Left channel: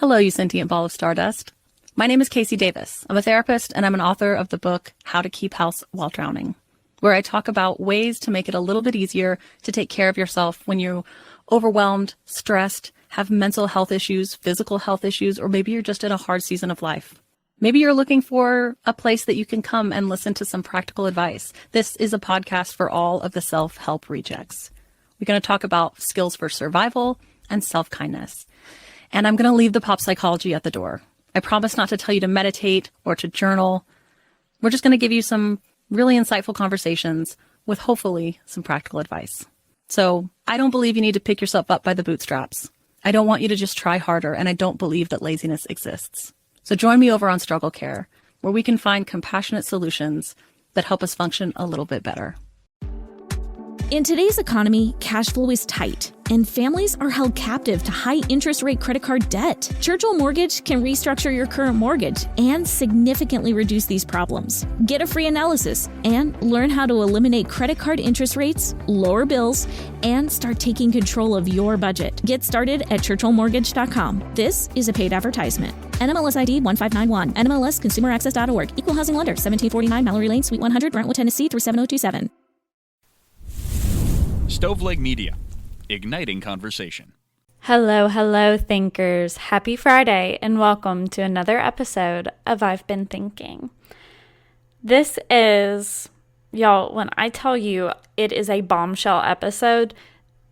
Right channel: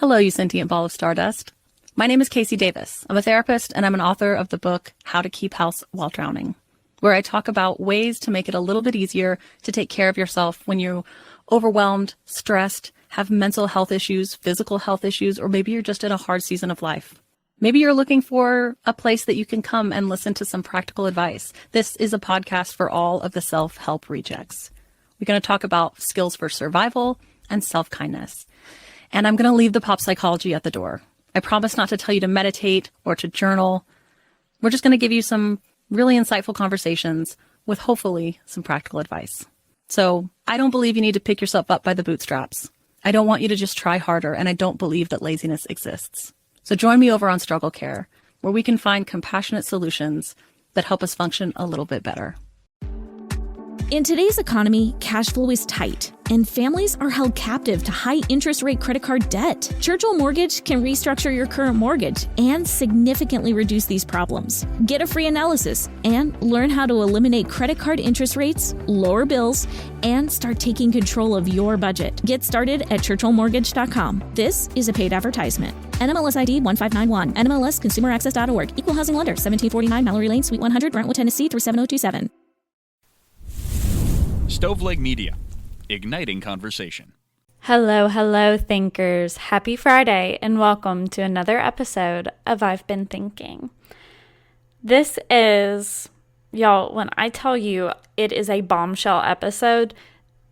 Hello, you sentient ball of stardust. My name is Casey Davis. I'm a therapist and I'm an author of the book How to Keep House While Drowning, where I talk about ways to make it a little bit easier to take care of yourself when you're overwhelmed, stressed, have mental health issues, physical health issues, or maybe you're just in a hard season of life. Maybe you're looking for a place that you can come and listen to some practical advice. This is a podcast for all of the self-help rejects. We're going to talk about skills for survival and self-kindness. And I'm going to leave the pop psychology at the door. I promise not to tell you to meditate or to journal. We're just going to give you some really insightful conversations with hopefully some practical advice. So I don't believe you need to pick yourself up by the bootstraps. I don't want you to just try harder, and I don't believe that laziness exists. So join me over on Struggle Care, where we can find compassionate solutions that help us function a little bit better. In today's economy, cash flow is tight, and families are held captive to high interest rate credit card debt. Churchill Mortgage can restructure your current mortgage and significantly reduce these problems. Get a free analysis and learn how to eliminate credit card interest rates, lower bills, and start taking control of your budget. Get started at churchillmortgage.com. This is a paid advertisement. NMLS ID 1591, NMLSconsumeraccess.org, Equal Housing Lender, 1749 Mallory Lane, Suite 100, Brentwood, Tennessee, 37027. Stoveleg Media, igniting conversation. Hello, thinkers. Happy Friday, and welcome to another episode of I've Been Thinking. This is, y'all, when I tell you it is a bombshell episode,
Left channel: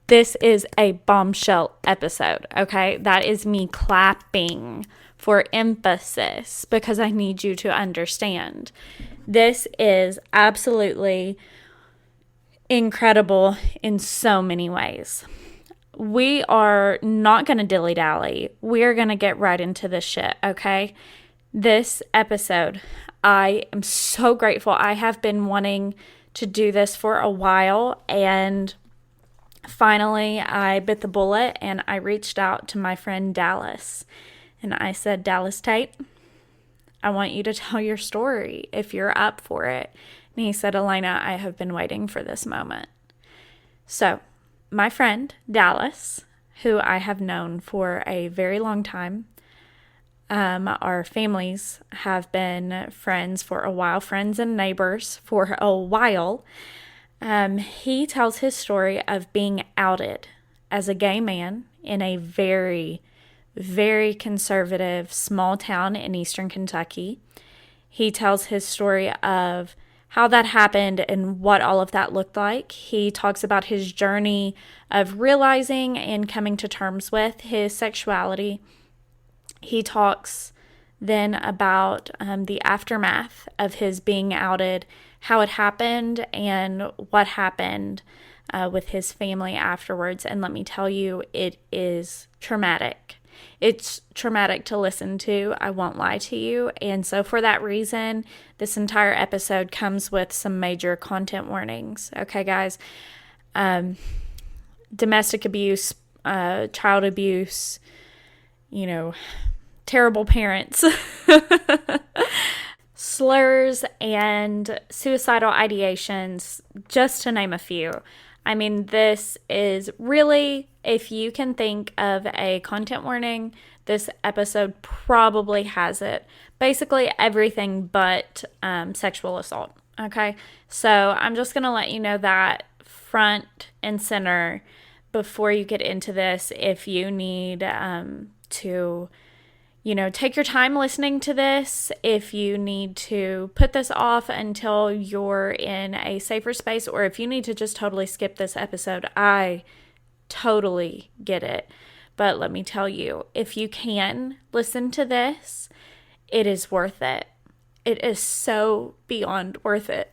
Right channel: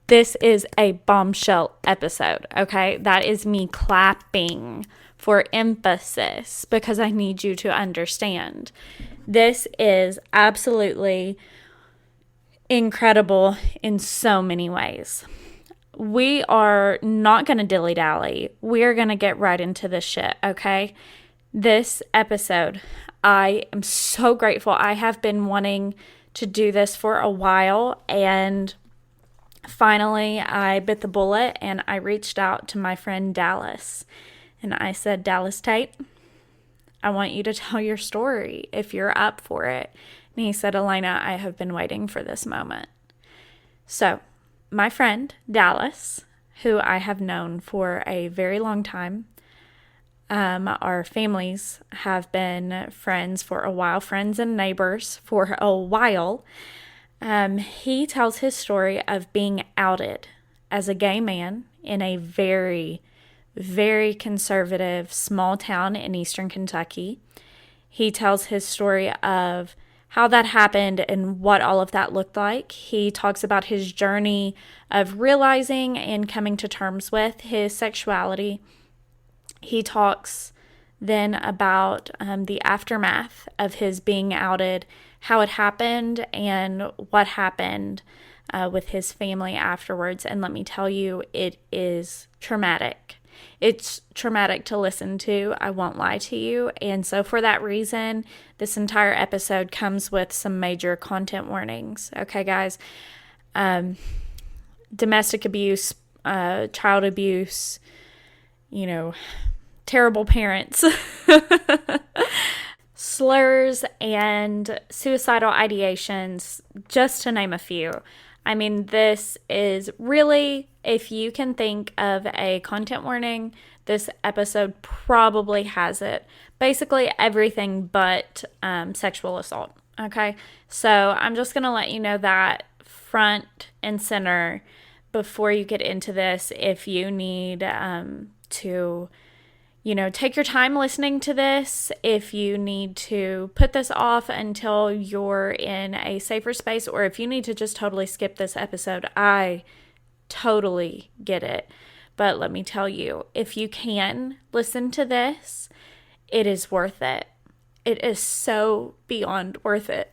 this is a bombshell episode, okay? That is me clapping for emphasis because I need you to understand. This is absolutely incredible in so many ways. We are not going to dilly-dally. We're going to get right into this shit, okay? This episode, I am so grateful. I have been wanting to do this for a while, and finally I bit the bullet and I reached out to my friend Dallas. And I said, Dallas Tate, I want you to tell your story if you're up for it. And he said, Elena, I have been waiting for this moment. So my friend Dallas, who I have known for a very long time, our families have been friends for a while, friends and neighbors for a while. He tells his story of being outed as a gay man in a very, very conservative small town in eastern Kentucky. He tells his story of how that happened and what all of that looked like. He talks about his journey of realizing and coming to terms with his sexuality. He talks then about the aftermath of his being outed, how it happened, and what happened with his family afterwards. And let me tell you, it is traumatic. It's traumatic to listen to, I won't lie to you. And so for that reason, this entire episode comes with some major content warnings. Okay, guys? Domestic abuse, child abuse, terrible parents, slurs, and suicidal ideations, just to name a few. I mean, this is really, if you can think of a content warning, this episode probably has it. Basically everything but sexual assault, okay? So I'm just going to let you know that front and center before you get into this. If you need to take your time listening to this, if you need to put this off until you're in a safer space, or if you need to just totally skip this episode, I totally get it. But let me tell you, if you can listen to this, it is worth it. It is so beyond worth it.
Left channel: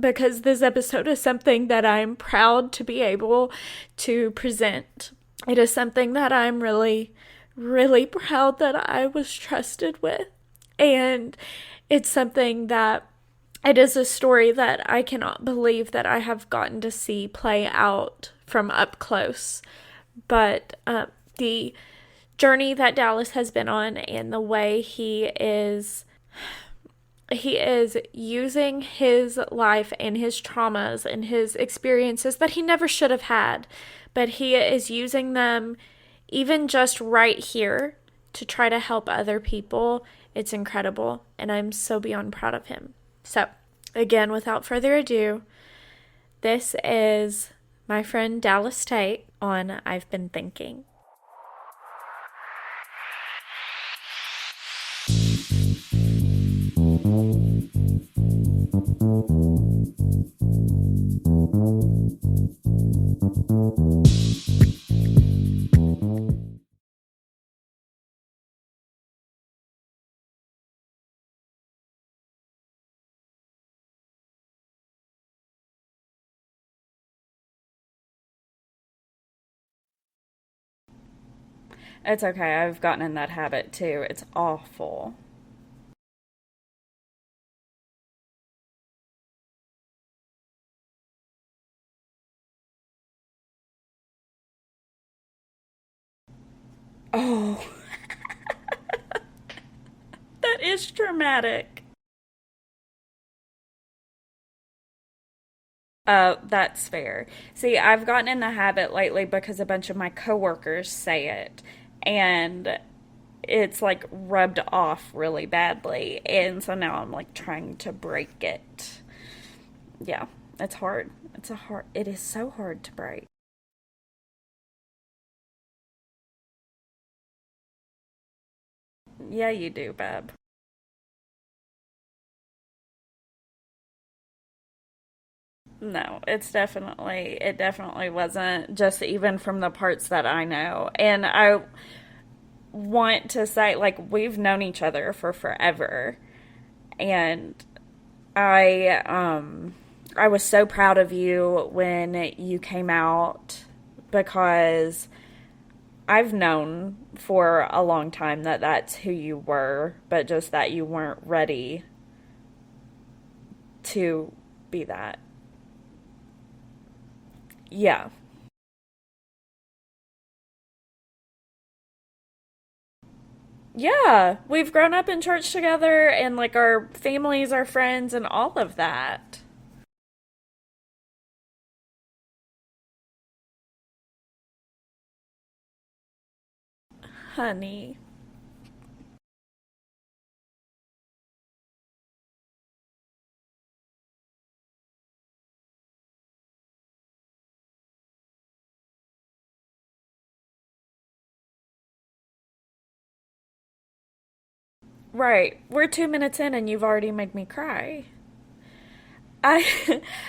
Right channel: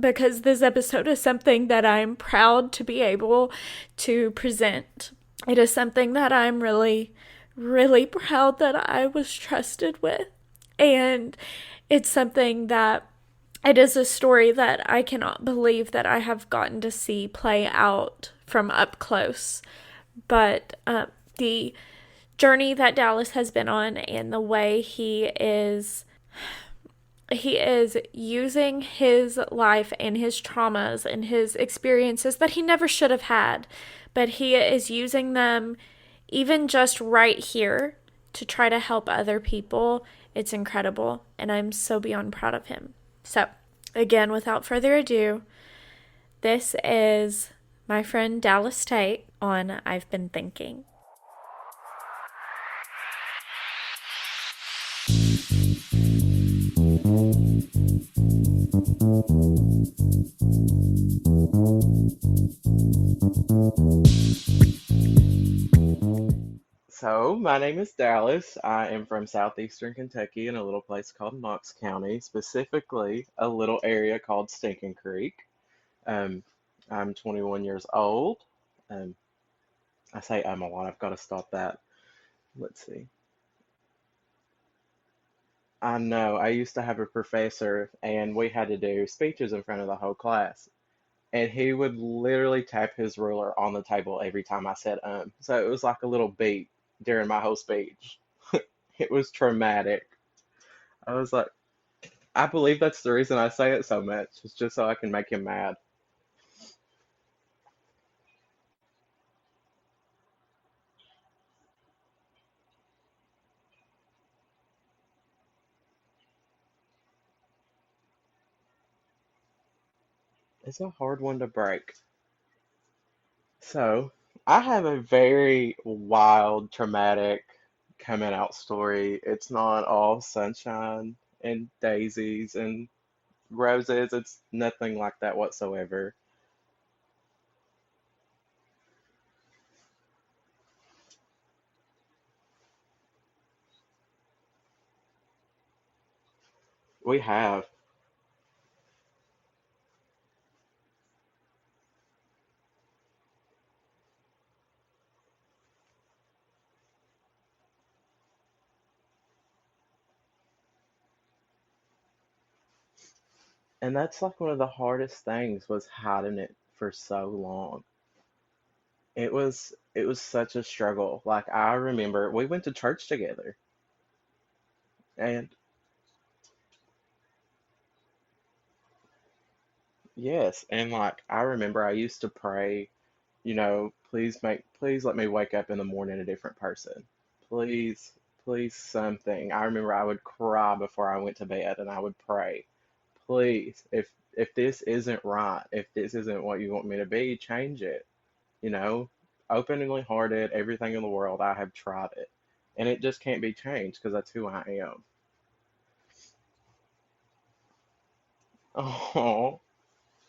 Because this episode is something that I'm proud to be able to present. It is something that I'm really proud that I was trusted with. And it's something that, it is a story that I cannot believe that I have gotten to see play out from up close. But the journey that Dallas has been on, and the way he is using his life and his traumas and his experiences that he never should have had, but he is using them even just right here to try to help other people. It's incredible, and I'm so beyond proud of him. So, again, without further ado, this is my friend Dallas Tate on I've Been Thinking. So, my name is Dallas. I am from southeastern Kentucky in a little place called Knox County, specifically a little area called Stinking Creek. Um, I'm 21 years old. Um, I say I'm a lot. I've got to stop that. It's okay. I've Let's gotten see. in that habit too. It's awful. I know. I used to have a professor, and we had to do speeches in front of the whole class. And he would literally tap his ruler on the table every time I said. So it was like a little beat during my whole Oh, speech. It was traumatic. that is I was like, dramatic. I believe that's the reason I say it so much. It's just so I can make him mad. That's fair. See, I've gotten in the habit lately because a bunch of my coworkers say it, and it's like rubbed off really badly. And so now I'm like trying to break it. Yeah, it's It's a hard. hard one to It's a hard. break. It is so hard to break. So, I have a very wild, traumatic coming out story. Yeah, It's you not do, all Bab. sunshine and daisies and roses. It's nothing like that whatsoever. No, it definitely wasn't, just even from the parts that I know. And I want to say, like, we've known each other for forever. We And have. I was so proud of you when you came out, because I've known for a long time that that's who you were, but just that you weren't ready And that's to like one of the be that. hardest things was hiding it for so long. Yeah. It was such a struggle. Like I remember we went to church together. Yeah, we've grown up in And church together, and like our families are friends and all of that. yes, and like I remember I used to pray, please let me wake up in the morning a different person. Honey. Please, please something. I remember I would cry before I went to bed and I would pray, please, if this isn't right, if this isn't what you want me to be, change it. You know, openly hearted, everything in the world, I have tried it. And it just can't be changed because that's who I am. Right. We're 2 minutes in and you've already made me cry. Oh, I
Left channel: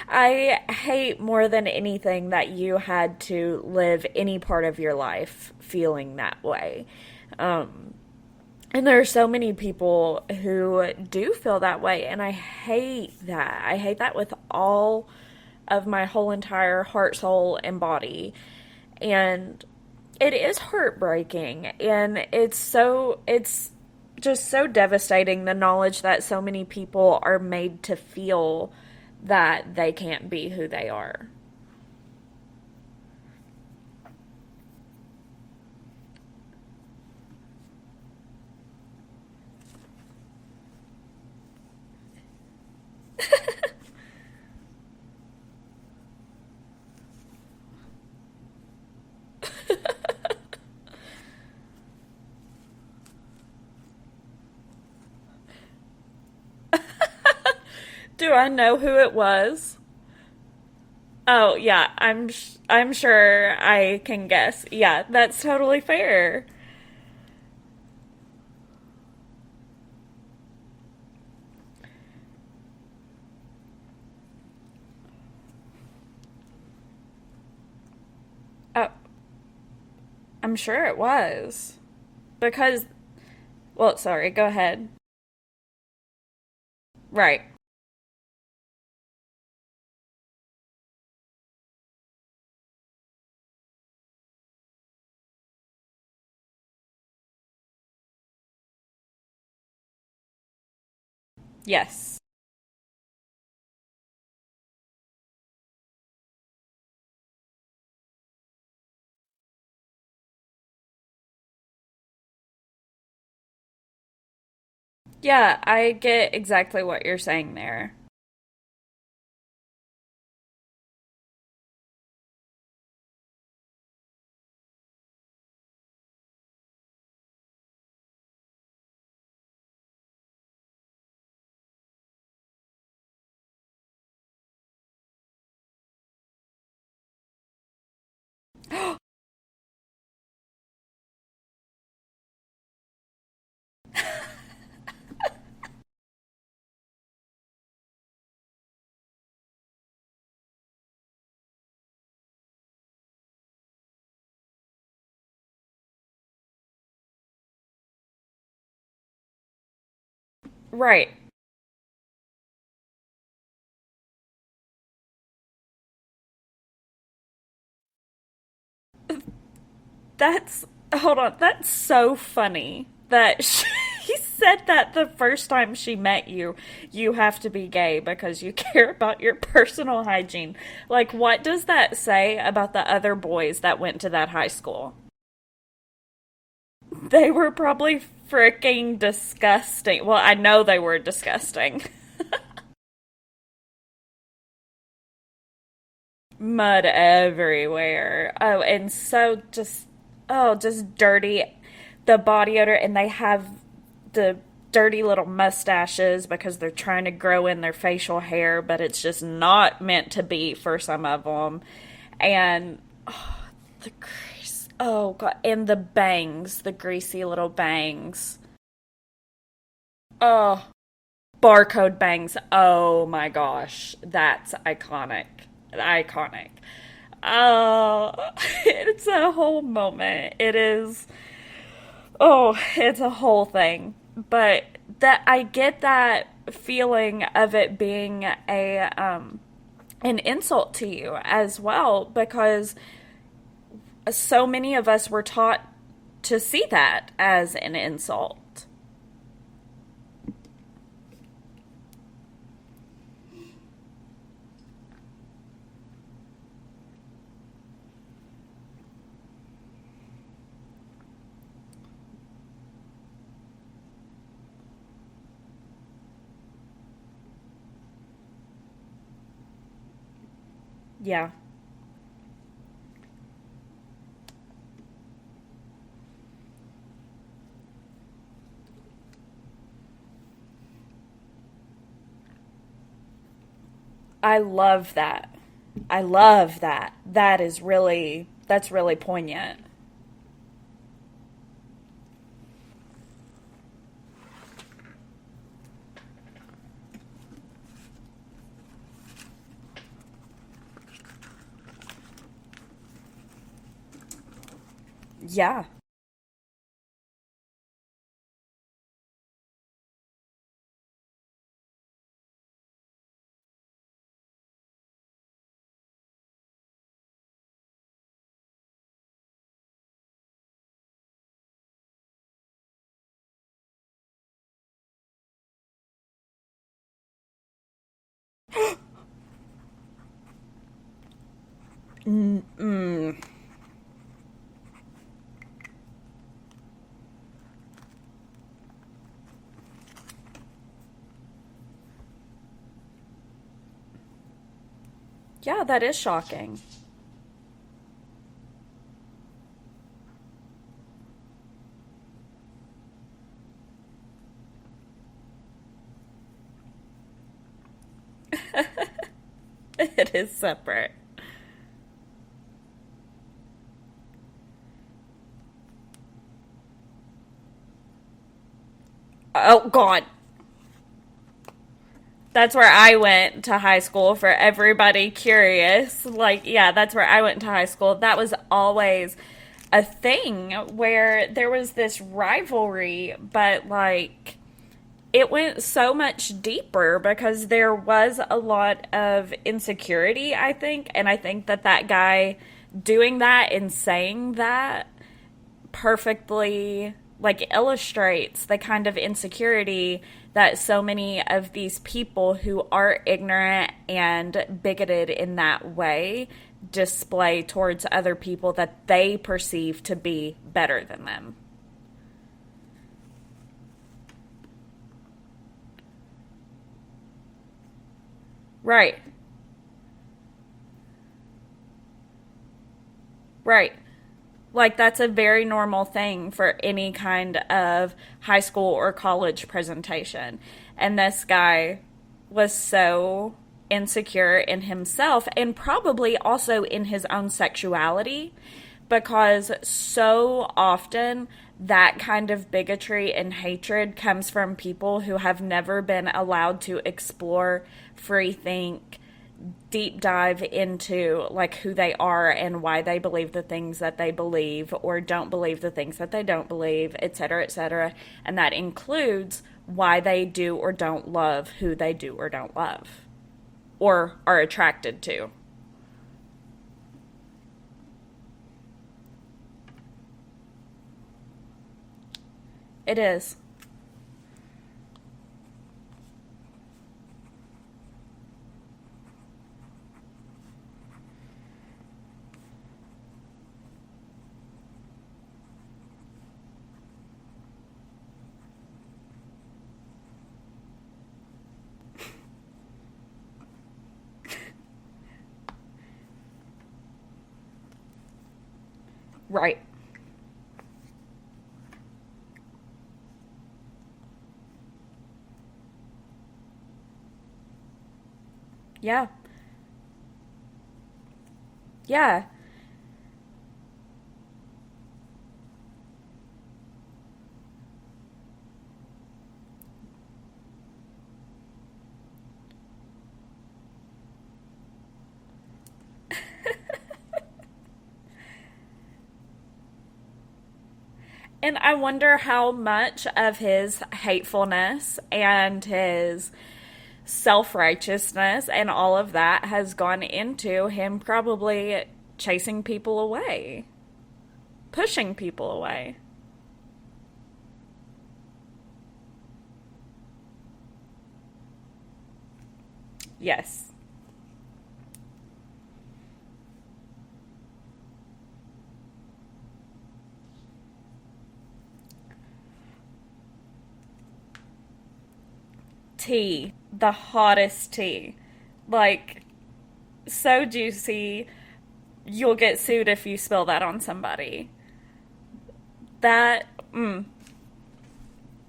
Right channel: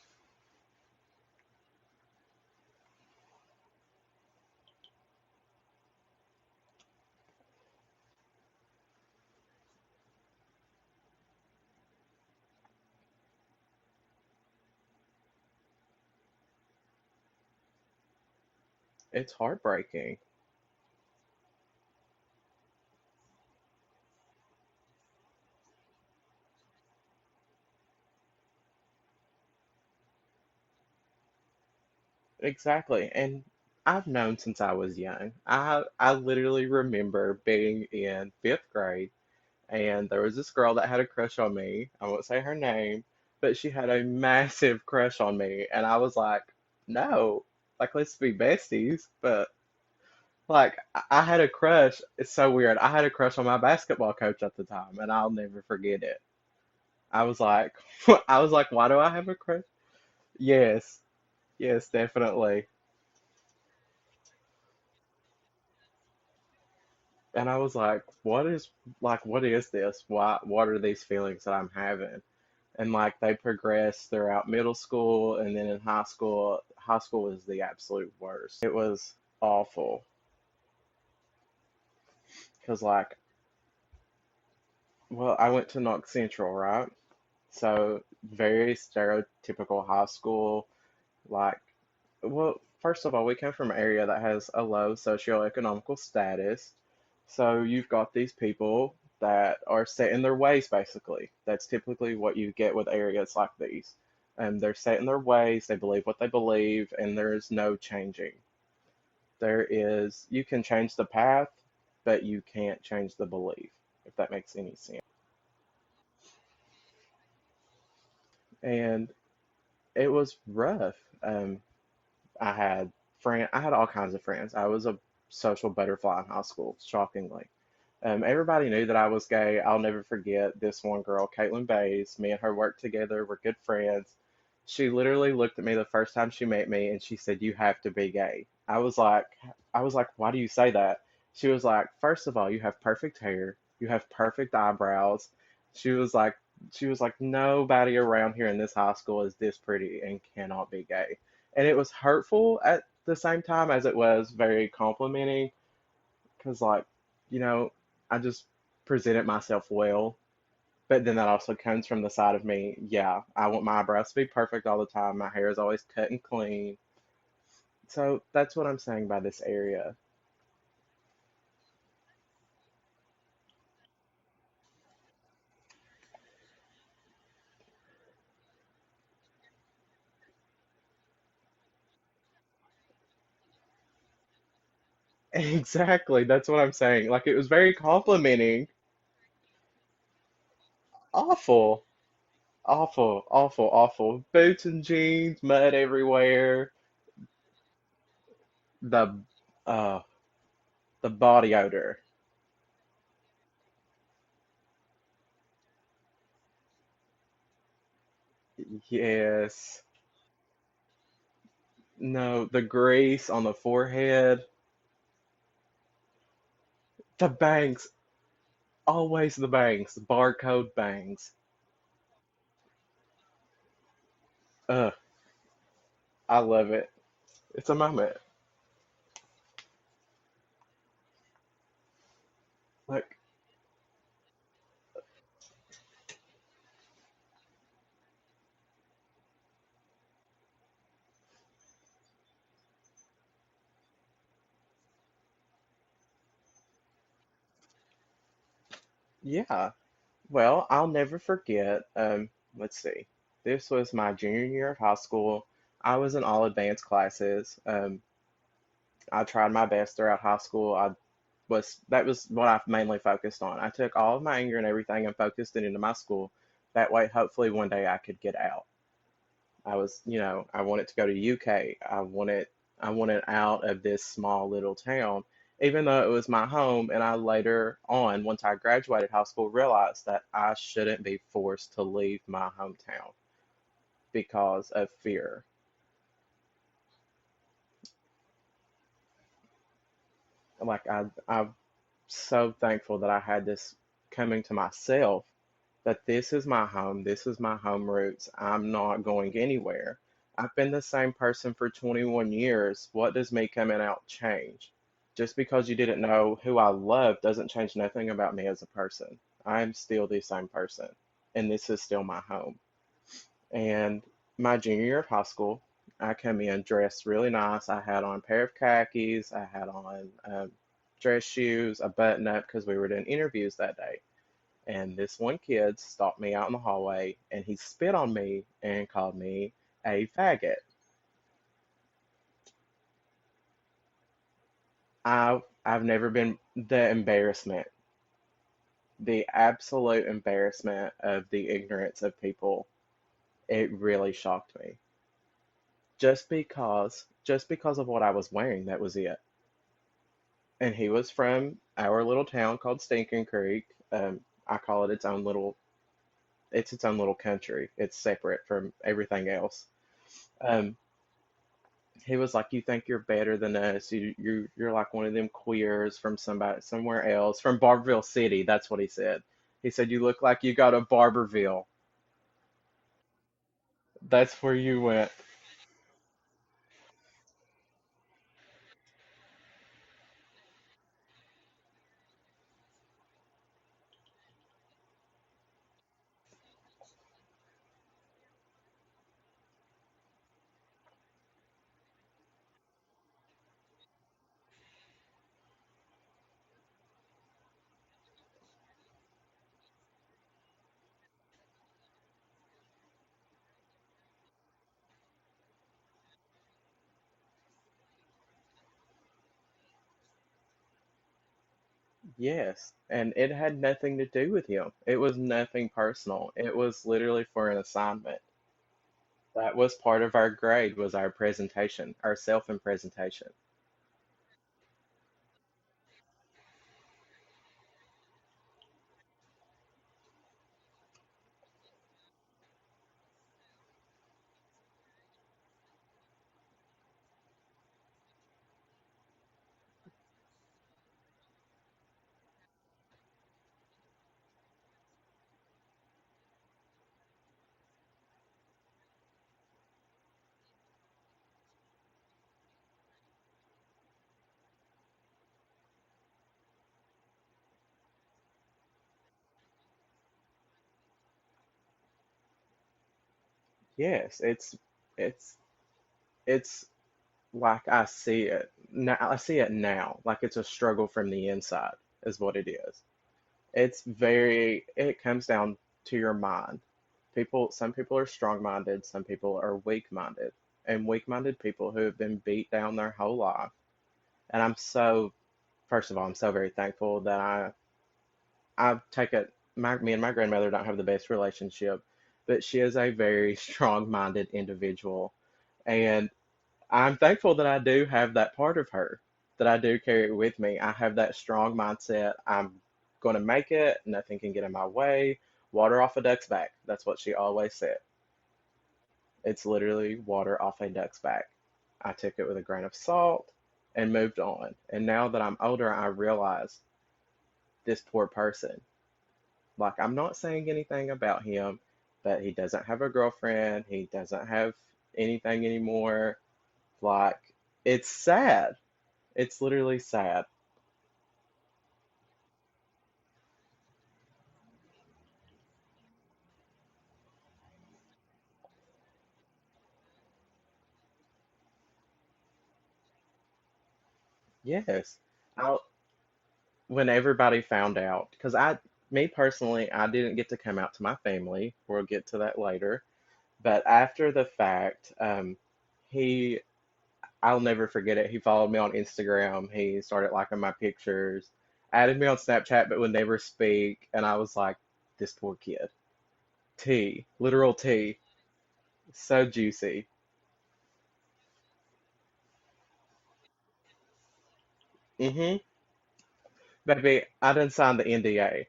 I hate more than anything that you had to live any part of your life feeling that way. And there are so many people who do feel that way, and I hate that. I hate that with all of my whole entire heart, soul, and body. it's And heartbreaking. it is heartbreaking, and it's just so devastating, the knowledge that so many people are made to feel that they can't be who they are. Exactly. And I've known since I was young. I literally remember being in fifth grade and there was this girl that had a crush on me. I won't say her name, but she had a massive crush on me and I was like, no, like let's be besties. But like I had a crush. It's so weird. I had a crush on my basketball coach at the time and I'll never forget it. I was like Do I I was like, know why who do I it have a crush? was? Yes. Oh Yes, yeah, definitely. I'm sure I can guess. Yeah, that's totally fair. And I was like, what is this? What are these feelings that I'm having? And like they progressed throughout middle school and then in high school. High school was the absolute worst. It Oh, was awful. I'm sure it was. Cause Because, like, well, sorry, go ahead. well, I went to Knox Central, right? Right. So very stereotypical high school. Like, well, first of all, we come from an area that has a low socioeconomical status. So you've got these people that are set in their ways, basically. That's typically Yes. what you get with areas like these. And they're set in their ways, they believe what they believe, and there is no changing. You can change the path, but you can't change the belief, if that makes any sense. Yeah, I get exactly what you're saying there. And it was rough. Um, I had all kinds of friends. I was a social butterfly in high school, shockingly. Everybody knew that I was gay. I'll never forget this one girl, Caitlin Bays. Me and her worked together. We're good friends. She literally looked at me the first time she met me and she said, "You have to be gay." I was like, "Why do you say that?" She was like, "First of all, you have perfect hair. You have perfect eyebrows." She was like, "Nobody around here in this high school is this pretty and cannot be gay." And it was hurtful at the same time as it was very complimenting because, like, you know, I just presented myself well. But Right. then that also comes from the side of me. Yeah, I want my eyebrows to be perfect all the time. My hair is always cut and clean. So that's what I'm saying by this area. That's, hold on, that's so funny that she said that the first time she met you, you have to be gay because you care about your personal hygiene. Like, what does that say about the other boys that went to that high school? Exactly, that's what I'm saying. Like They it was were very probably complimenting. freaking disgusting. Well, I know they were disgusting. Awful, awful, awful, awful. Boots and jeans, mud everywhere. Mud everywhere. Oh, and The so just, uh, oh, just the dirty. body odor. The body odor, and they have the dirty little mustaches because they're trying to grow in their facial hair, but it's just Yes. not meant to be for some of them. No, the And grease on the forehead, oh god, and the bangs, the greasy the little bangs. bangs. Always the bangs, Oh, barcode bangs. barcode bangs. Oh my gosh, that's Ugh, iconic. I Iconic. love it. It's a Oh, moment. it's a whole moment. It is. Oh, it's Like, a whole thing. But that I get that feeling of it being a an insult to you as well because so many of us were taught to see that as an insult. yeah. Well, I'll never forget. Let's see. This was my junior year of high school. I was in all advanced classes. I tried my best throughout high school. That was what I mainly focused on. I took all of my anger and everything and focused it into my school. That way, hopefully, one day I could get out. I wanted to go to Yeah. UK. I wanted out of this small little town, even though it was my home. And I later on, once I graduated high school, realized that I shouldn't be forced to leave my hometown I because of love that. fear. I love that. That's really poignant. Like I'm so thankful that I had this coming to myself that this is my home, this is my home roots. I'm not going anywhere. I've been the same person for 21 years. What does me coming out change? Just Yeah. because you didn't know who I love doesn't change nothing about me as a person. I'm still the same person, and this is still my home. And my junior year of high school, I come in dressed really nice. I had on a pair of khakis, I had on dress shoes, a button up because we were doing interviews that day. And this one kid stopped me out in the hallway and he spit on me and called me a faggot. Mm. I've never been the embarrassment, the absolute embarrassment of the ignorance of people. It really shocked me. Yeah, that is Just shocking. because of what I was wearing, that was it. And he was from our little town called Stinking Creek. I call it its own little country. It's separate from everything else. It is Um, separate. he was like, "You think you're better than us? You're like one of them queers from somebody somewhere else, from Barberville City." That's what he said. Oh He said, "You god. look like you go to Barberville." That's where I went to high school for That's where you everybody went. curious. Like, yeah, that's where I went to high school. That was always a thing where there was this rivalry, but like it went so much deeper because there was a lot of insecurity, I think. And I think that that guy doing that and saying that perfectly like illustrates the kind of insecurity that so many of these people who are ignorant and bigoted in that way display towards other people that they perceive to be better than them. Yes, and it had nothing to do with him. It was nothing personal. It was literally for an assignment. Right. That was part of our grade was our presentation, our self and presentation. Right. Like, that's a very normal thing for any kind of high school or college presentation. And this guy was so insecure in himself and probably also in his own sexuality, because so often that kind of bigotry and hatred comes from people who have never been allowed to explore, free think, deep dive into like who they are and why they believe the things that they believe or don't believe the things that they don't believe, etc., etc. And that includes why they do or don't love who they do or don't love, or Yes, are attracted to. it's like I see it now. I see it now. Like it's a struggle from the inside, is what it is. It is. It comes down to your mind. Some people are strong-minded, some people are weak-minded, and weak-minded people who have been beat down their whole life. And first of all, I'm so very thankful that I take it. Me and my grandmother don't have the best relationship, but she is a very strong-minded individual, and I'm thankful that I do have that part of her, that I Right. do carry it with me. I have that strong mindset. I'm going to make it. Nothing can get in my way. Water off a duck's back. That's what she always said. Yeah. It's literally water off a duck's back. I took Yeah. it with a grain of salt and moved on. And now that I'm older, I realize this poor person. Like, I'm not saying anything about him, but he doesn't have a girlfriend. He doesn't have anything anymore. Like, it's sad. It's literally sad. And I wonder how much of his hatefulness and his self righteousness and all of that has gone into him probably chasing people away, Yes. pushing people Oh, away. when everybody found out, because me personally, I didn't get to come out to my family. We'll get to that later. Yes. But after the fact, he, I'll never forget it. He followed me on Instagram. He started liking my pictures, added me on Snapchat, but would never speak. And I was like, this poor kid. Tea. The Tea, literal hottest tea. tea. Like, So juicy. so juicy. You'll get sued if you spill that on somebody. Mm-hmm. That, Baby, I didn't sign the NDA.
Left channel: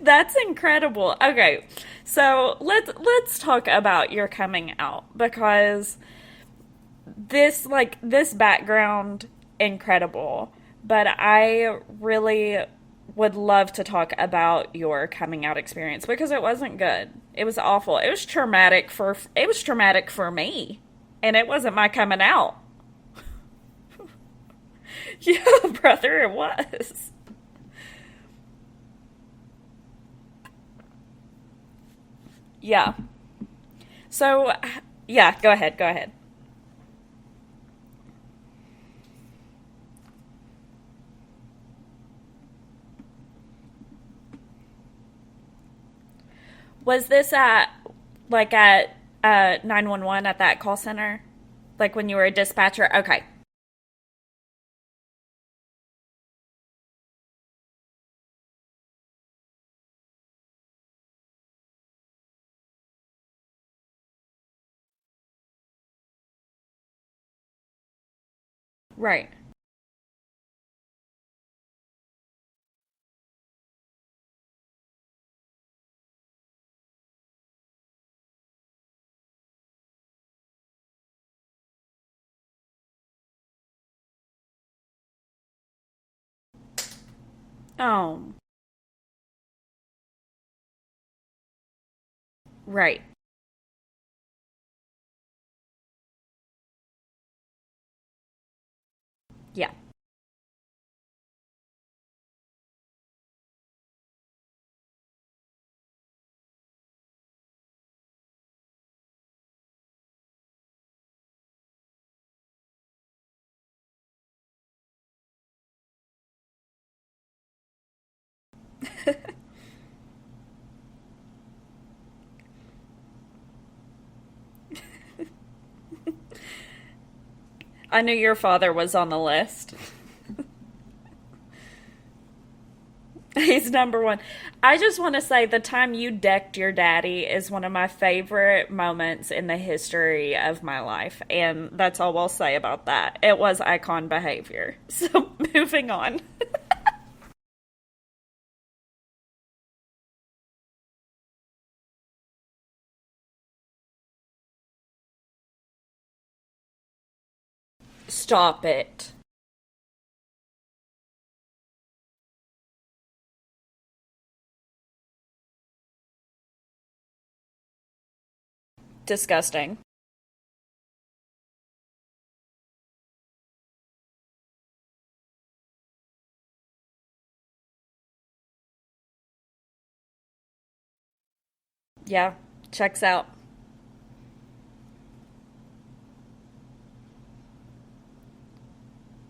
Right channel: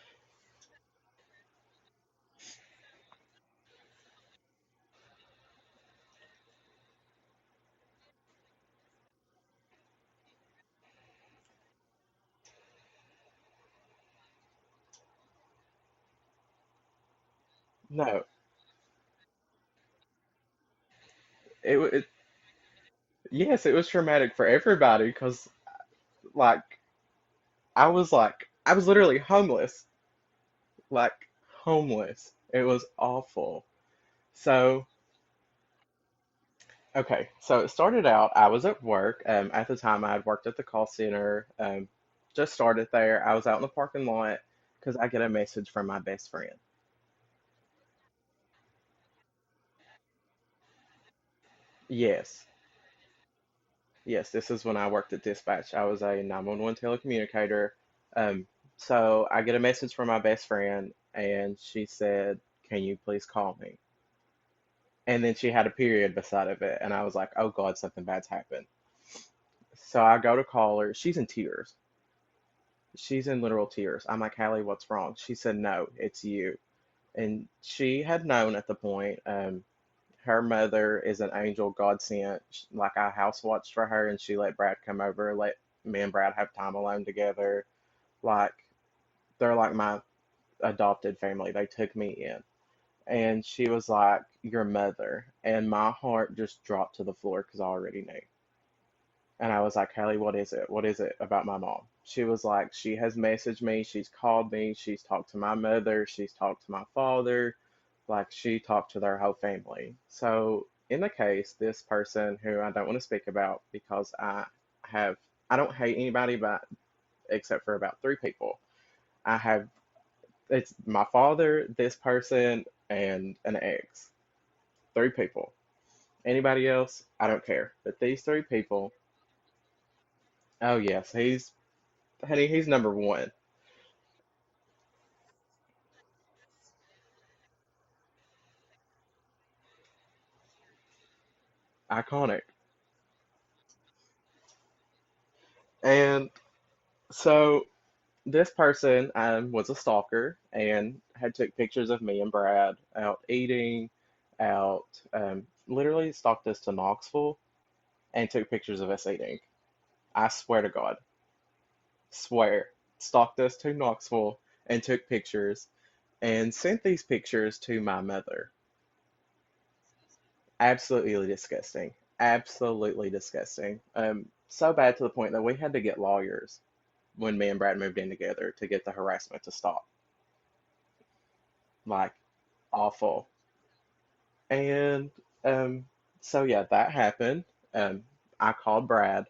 that's incredible. Okay, so let's talk about your coming out, because this background incredible, but I really would love to talk about your coming out experience because it wasn't good. It was awful. Well, It was traumatic for me, and it wasn't it, my it coming out. yes, it was traumatic for everybody because Yeah, brother, it like was. I was literally homeless, like homeless. It was Yeah. awful. So, So yeah, go ahead, go ahead. okay, so it started out. I was at work. At the time, I had worked at the call center. Just started there. I was out in the parking lot because I get a message from my best friend. Was this at 911 at that call center? Like when you were a Yes, dispatcher? Okay. yes, this is when I worked at dispatch. I was a 911 telecommunicator. Um, so I get a message from my best friend, and she said, "Can you please call me?" And then she had a period beside of it, and I was like, "Oh God, something bad's happened." Right. So I go to call her. She's in tears. She's in literal tears. I'm like, "Hallie, what's wrong?" She said, "No, it's you." And she had known at the point. Her mother is an angel, God sent. Like I house watched for her, and she let Brad come over, let me and Brad have time alone together. Oh, Like they're like my adopted family. They took me in, right. and she was like, "Your mother," and my heart just dropped to the floor because I already knew. And I Yeah. was like, "Hallie, what is it? What is it about my mom?" She was like, "She has messaged me, she's called me, she's talked to my mother, she's talked to my father, like she talked to their whole family." So in the case, this person who I don't want to speak about because have I don't hate anybody but except for about three people. I have it's my father, this person, and an ex. Three people. Anybody else? I don't care. But I knew these your three father people, was on the list. oh yes, Honey, he's number one. He's number one. I just want to say the time you decked your daddy is one of my favorite moments in the history of my life. And that's all I'll Iconic. say about that. It was icon behavior. So moving on. And so this person was a stalker and had took pictures of me and Brad out eating, out literally stalked us to Knoxville and took Stop pictures of us it. eating. I swear to God, swear, stalked us to Knoxville and took pictures and sent these pictures to my mother. Disgusting. Absolutely disgusting. Absolutely disgusting. So bad to the point that we had to get lawyers when me and Brad moved in together to get the harassment to stop. Like, Yeah. Checks awful. out. And so yeah, that happened. I called Brad.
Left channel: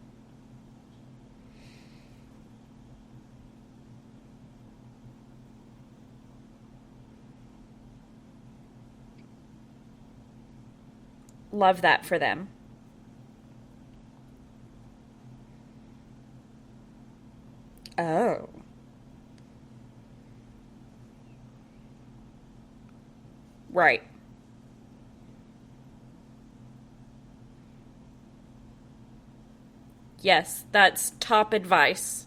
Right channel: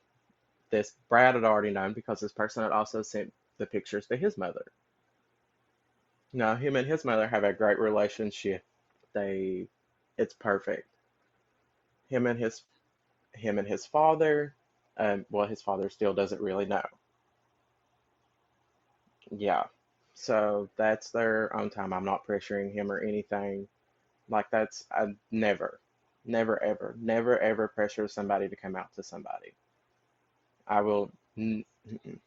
This Brad had already known because this person had also sent the pictures to his mother. Now, him and his mother have a great relationship. It's perfect. Love that for Him and them. his father, well, his father still doesn't really know. Oh. Yeah. So that's their own time. I'm not pressuring him or anything. Right. Like I never ever, never ever pressure somebody to come out to somebody. Yes, I that's will top advice.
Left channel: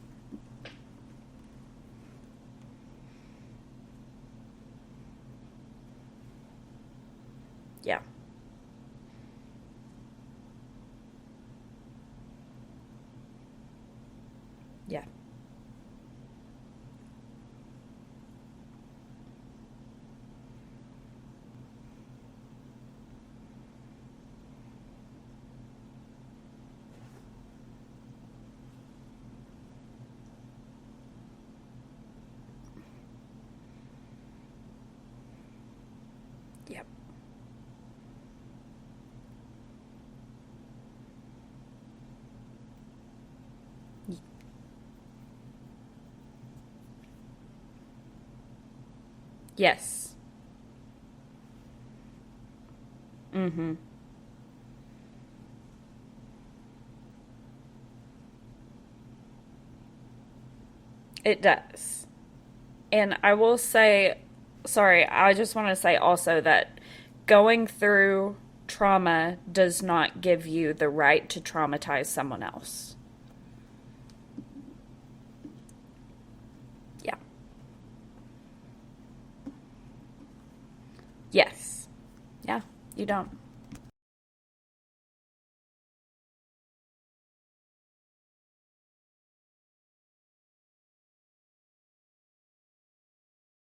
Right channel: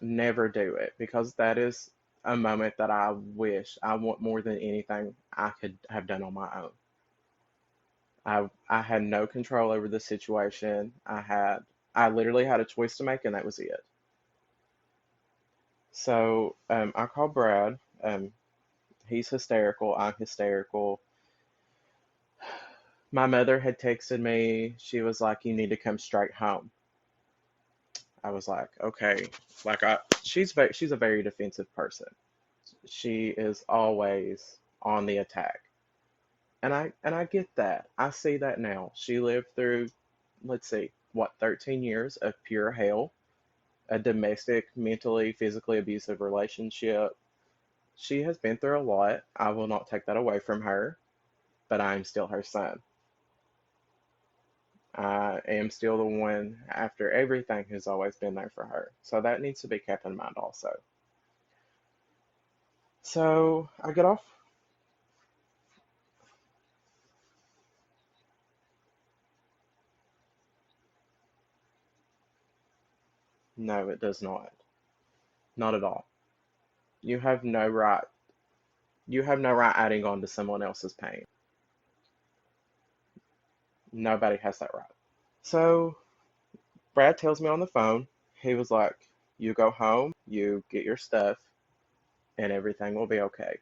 never do it because that is a moment that I want more than anything I could have done on my own. Yeah. I had no control over the situation. I literally had a choice to make and that was it. Yeah. So I called Brad. He's hysterical. I'm hysterical. My mother had texted me. She was like, "You need to come straight home." I was like, "Okay." Like she's a very defensive person. She is always on the attack. And I get that. I see that now. She lived through, let's see, what, 13 years of pure hell, a domestic, mentally, physically abusive relationship. She has been through a lot. I will not take Yes. that away from her, but I'm still her son. Mm-hmm. I am still the one, after everything, who's always been there for her. So that needs to be kept in mind also. It does. And I will So I get say, off. sorry, I just want to say also that going through trauma does not give you the right to traumatize someone else. No, it does not. Not at all. Yeah. You have no right. You have no right adding on to someone else's pain. Yes. Yeah, you don't. Nobody has that right. So Brad tells me on the phone, he was like, "You go home, you get your stuff, and everything will be okay."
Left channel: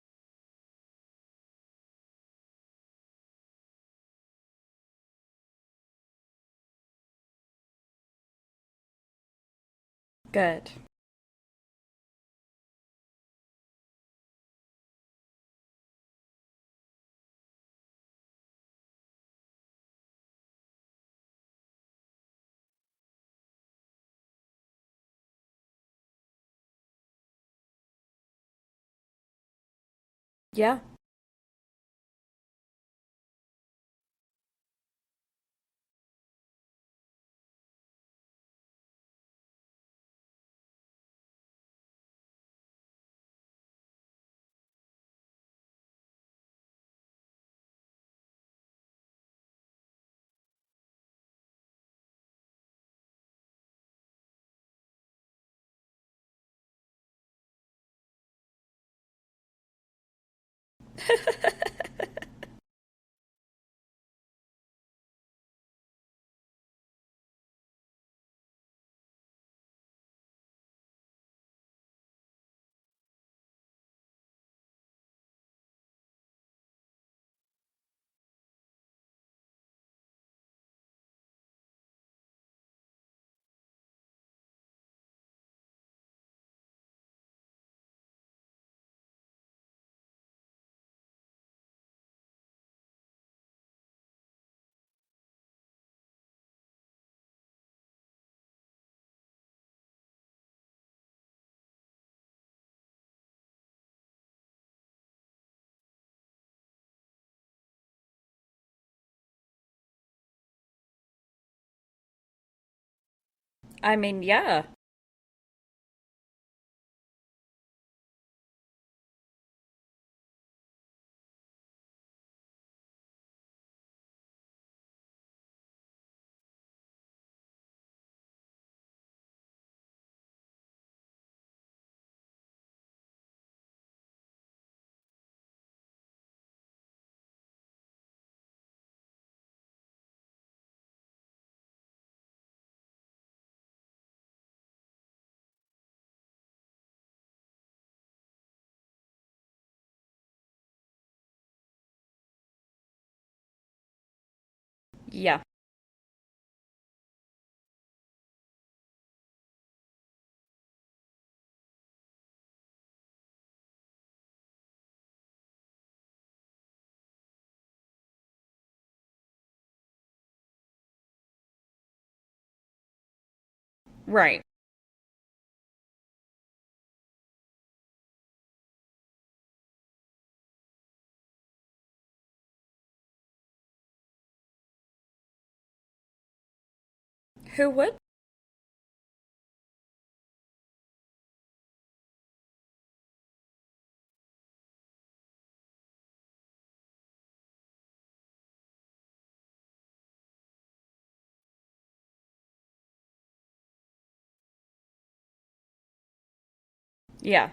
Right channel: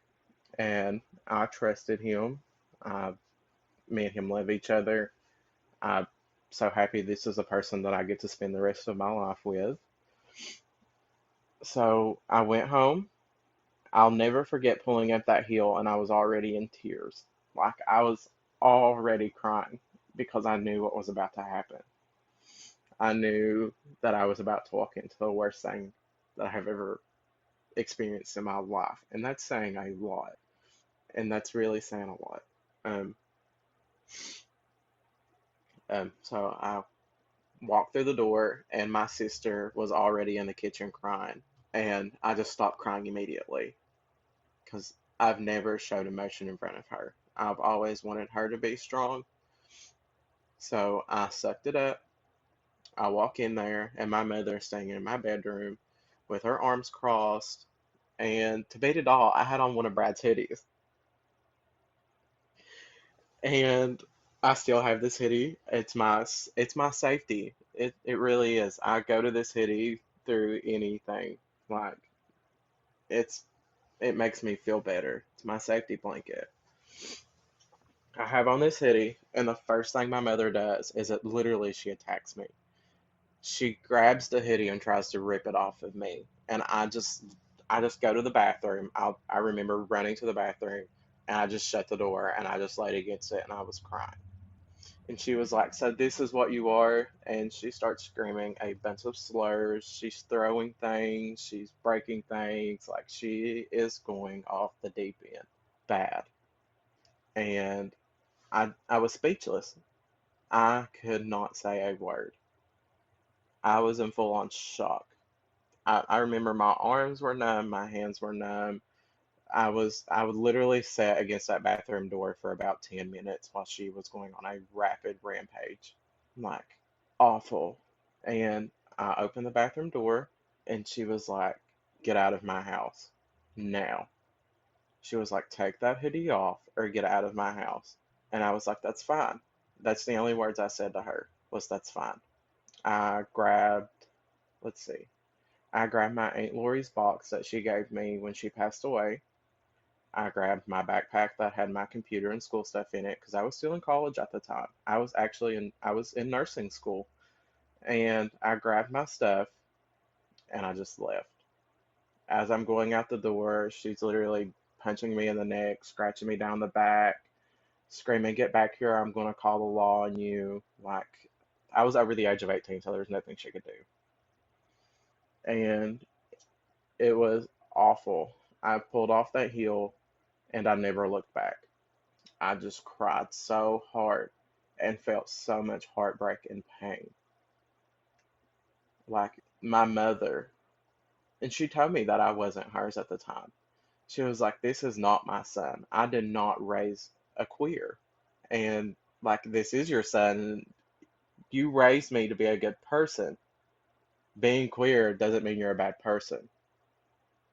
And I trusted him. I, Me and him love each other. I'm so happy this is a person that I get to spend the rest of my life with. Good. So I went home. I'll never forget pulling up that hill, and I was already in tears. Like I was already crying because I knew what was about to happen. I knew that I was about to walk into the worst thing that I have ever experienced in my life. And that's saying a lot. Yeah. And that's really saying a lot. Um, so I walked through the door, and my sister was already in the kitchen crying. And I just stopped crying immediately because I've never showed emotion in front of her. I've always wanted her to be strong. So I sucked it up. I walk in there, and my mother is staying in my bedroom with her arms crossed. And to beat it all, I had on one of Brad's hoodies. And I still have this hoodie. It's my safety. It really is. I go to this hoodie through anything. Like it's it makes me feel better. It's my safety blanket. I have on this hoodie, and the first thing my mother does is it literally she attacks me. She grabs the hoodie and tries to rip it off of me, and I just go to the bathroom. I remember running to the bathroom, and I just shut the door and I just laid against it, and I was crying. And she was like, "So this is what you are?" And she starts screaming a bunch of slurs. She's throwing things. She's breaking things. Like she is going off the deep end, bad. And I was speechless. I could not say a word. I I was in mean, full on yeah. shock. I remember my arms were numb, my hands were numb. I would literally sit against that bathroom door for about 10 minutes while she was going on a rapid rampage. Like, awful. And I opened the bathroom door and she was like, "Get out of my house now." She was like, "Take that hoodie off or get out of my house." And I was like, "That's fine." That's the only words I said to her was, "That's fine." I grabbed, let's see, I grabbed my Aunt Lori's box that she gave me when she passed away. I grabbed my backpack that had my computer and school stuff in it because I was still in college at the time. Yeah. I was in nursing school, and I grabbed my stuff and I just left. As I'm going out the door, she's literally punching me in the neck, scratching me down the back, screaming, "Get back here, I'm going to call the law on you." Like, I was over the age of 18, so there's nothing she could do. Right. And it was awful. I pulled off that heel and I never looked back. I just cried so hard and felt so much heartbreak and pain. Who would? Like, my mother, and she told me that I wasn't hers at the time. She was like, "This is not my son. I did not raise a queer. And like, this is your son. You raised me to be a good person. Being queer doesn't mean you're a bad person. Yeah.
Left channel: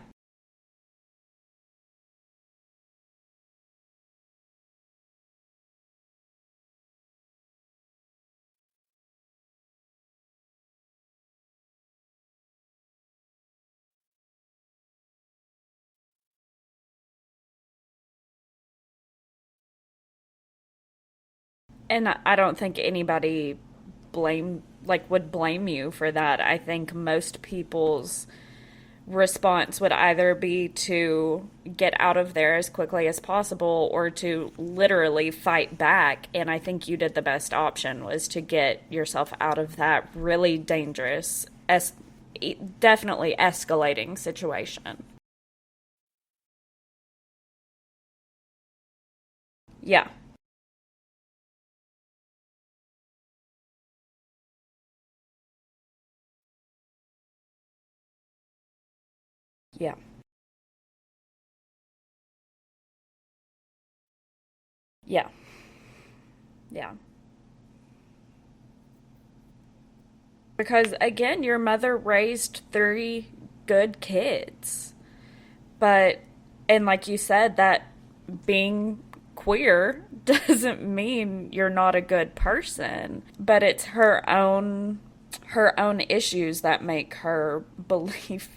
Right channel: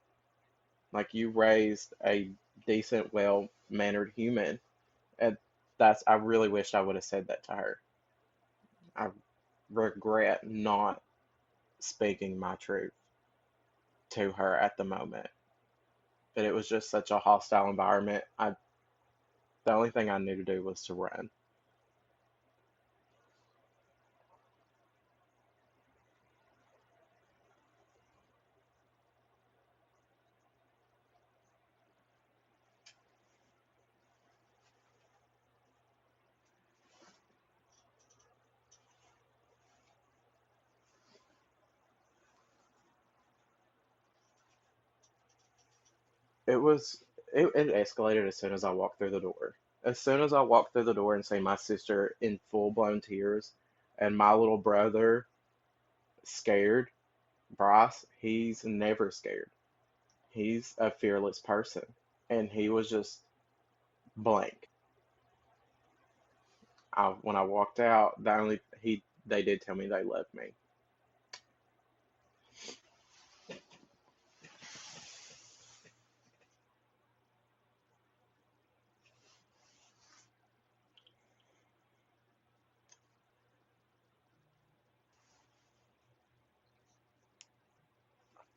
Like, you raised a decent, well-mannered human." And I really wished I would have said that to her. I regret not speaking my truth to her at the moment. But it was just such a hostile environment. The only thing I knew to do was to run. And I don't think anybody would blame you for that. I think most people's response would either be to get out of there as quickly as possible or to literally fight back. And I think you did the best option, was to get yourself out of that really dangerous, definitely escalating situation. It escalated as soon as I walked through the door. As Yeah. soon as I walked through the door and see my sister in full blown tears and my little brother scared, Bryce, he's never scared. Yeah. He's a fearless person. And he was just blank. Yeah. Yeah. When I walked out, they did tell me they loved me. Because again, your mother raised 3 good kids. But, and like you said, that being queer doesn't mean you're not a good person, but it's her own issues that make her believe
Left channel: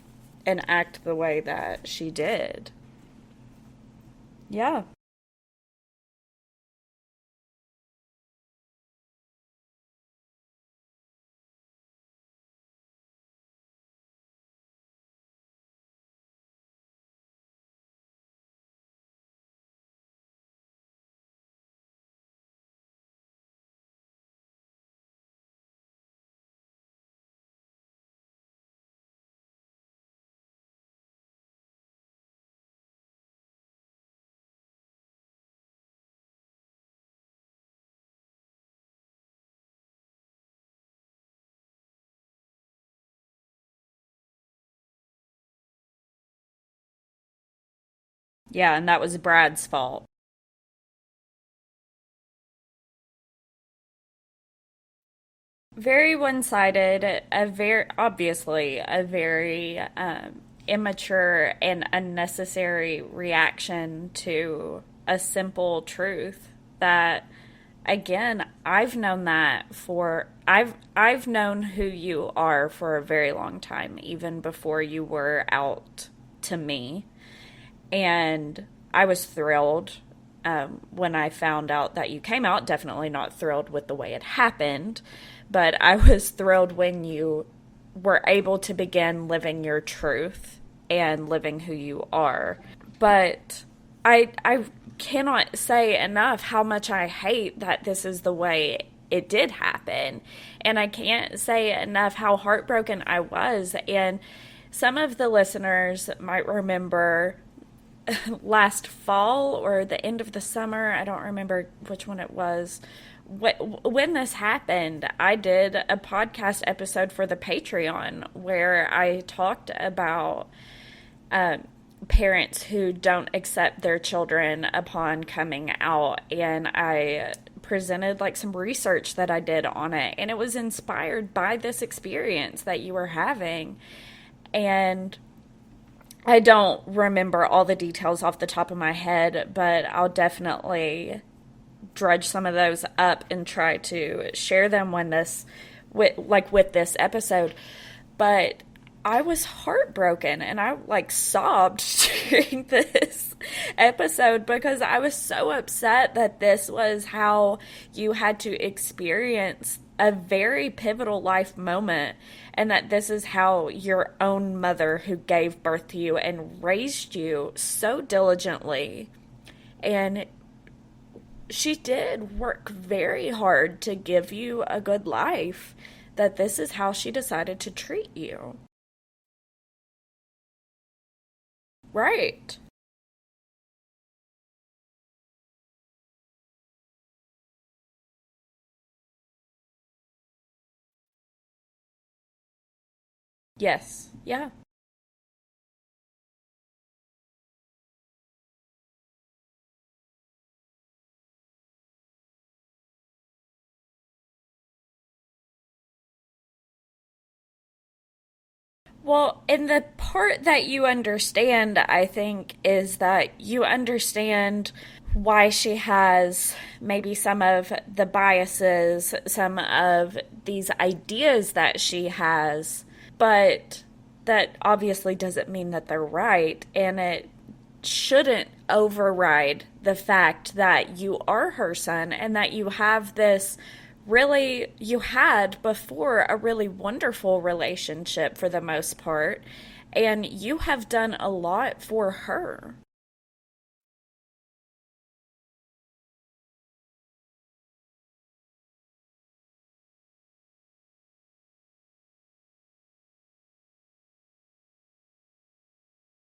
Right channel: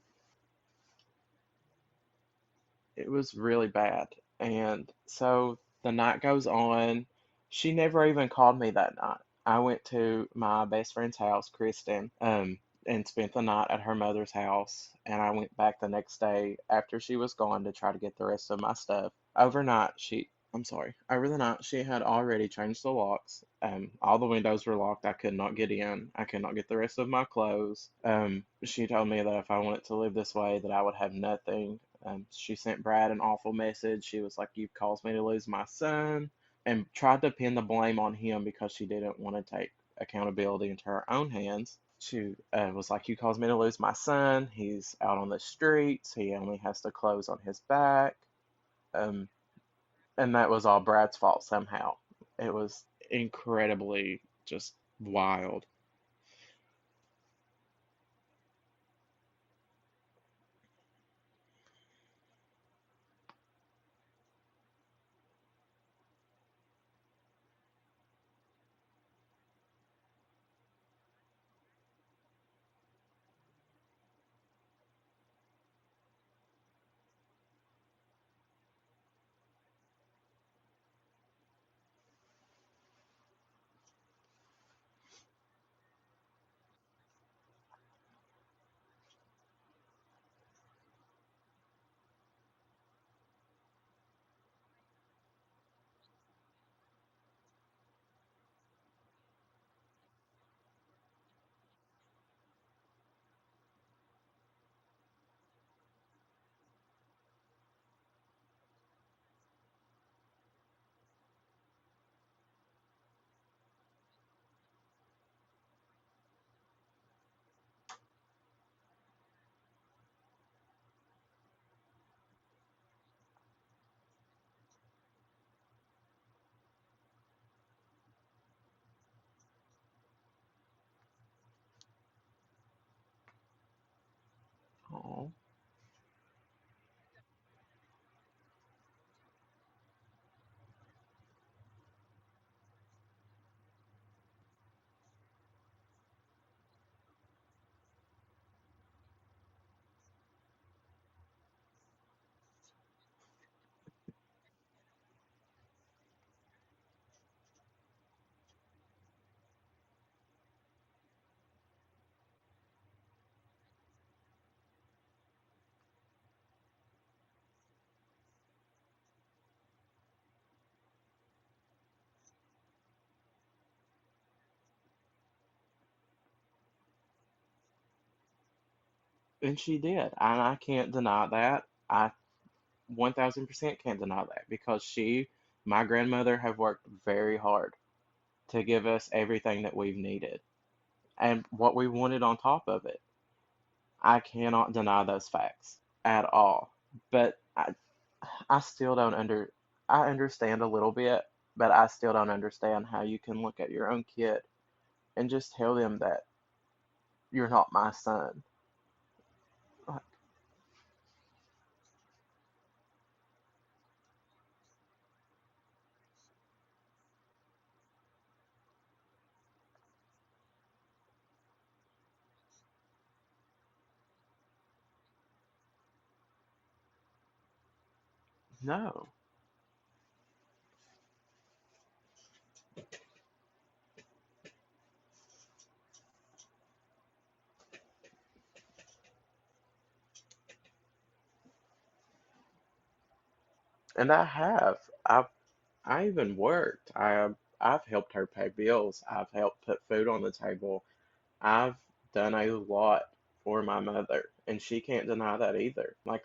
and act the way that she did. It was really bad. And Yeah. so the night goes on. She never even called me that night. I went to my best friend's house, Kristen, and spent the night at her mother's house. And I went back the next day after she was gone to try to get the rest of my stuff. Over the night, she had already changed the locks. All the windows were locked. I could not get in. I could not get the rest of my clothes. She told me that if I wanted to live this way, that I would have nothing. She sent Brad an awful message. She was like, "You've caused me to lose my son," and tried to pin the blame on him because she didn't want to take accountability into her own hands. She was like, "You caused me to lose my son. He's out on the streets. He only has the clothes on his back." Yeah, and that was Brad's fault. And that was all Brad's fault somehow. It was incredibly just wild. Very one-sided, obviously a very immature and unnecessary reaction to a simple truth that, again, I've known who you are for a very long time, even before you were out to me. And I was thrilled when I found out that you came out. Definitely not thrilled with the way it happened, but I was thrilled when you were able to begin living your truth and living who you are. But I cannot say enough how much I hate that this is the way it did happen. And I can't say enough how heartbroken I was. And some of the listeners might remember last fall or the end of the summer, I don't remember which one it was, when this happened, I did a podcast episode for the Patreon where I talked about parents who don't accept their children upon coming out, and I presented like some research that I did on it, and it was inspired by this experience that you were having. And I don't remember all the details off the top of my head, but I'll definitely drudge some of those up and try to share them when this with this episode. But I was heartbroken and I like sobbed during this episode because I was so upset that this was how you had to experience a very pivotal life moment, and that this is how your own mother, who gave birth to you and raised you so diligently, and she did work very hard to give you a good life, that this is how she decided to treat you. And she did, and I can't deny that. I Right. 1000% can't deny that because my grandmother, have worked very hard to give us everything that we've needed and what we wanted on top of it. Yes. I Yeah. cannot deny those facts at all. But I still don't I understand a little bit, but I still don't understand how you can look at your own kid and just tell them that you're not my son. Well, and the part that you understand, I think, is that you understand why she has maybe some of the biases, some of these ideas that she has, but that obviously doesn't mean that they're right, and it shouldn't override the fact that you are her son and that you have this really, you had before a really wonderful relationship for the most part, and you have done a lot for her. And I have. I even worked. I've helped her pay bills. I've helped put food on the table. I've done a lot for my mother, and she can't deny that either. Like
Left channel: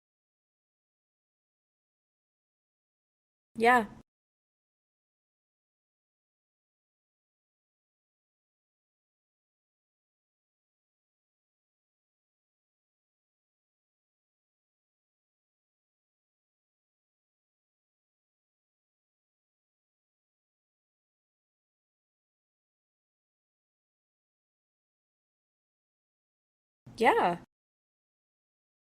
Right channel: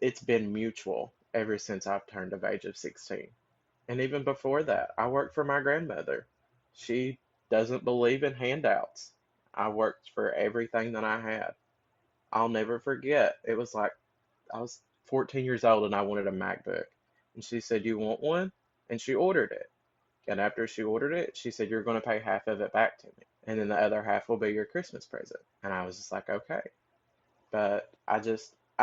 it's been mutual ever since I've turned of age of 16. Yeah. And even before that, I worked for my grandmother. She doesn't believe in handouts. I worked for everything that I had. I'll never forget. It was like I was 14 years old and I wanted a MacBook. And she said, "You want one?" And she ordered it. And after she ordered it, she said, "You're going to pay half of it back to me. And then the other half will be your Christmas present." And I was just like, okay. Yeah. But I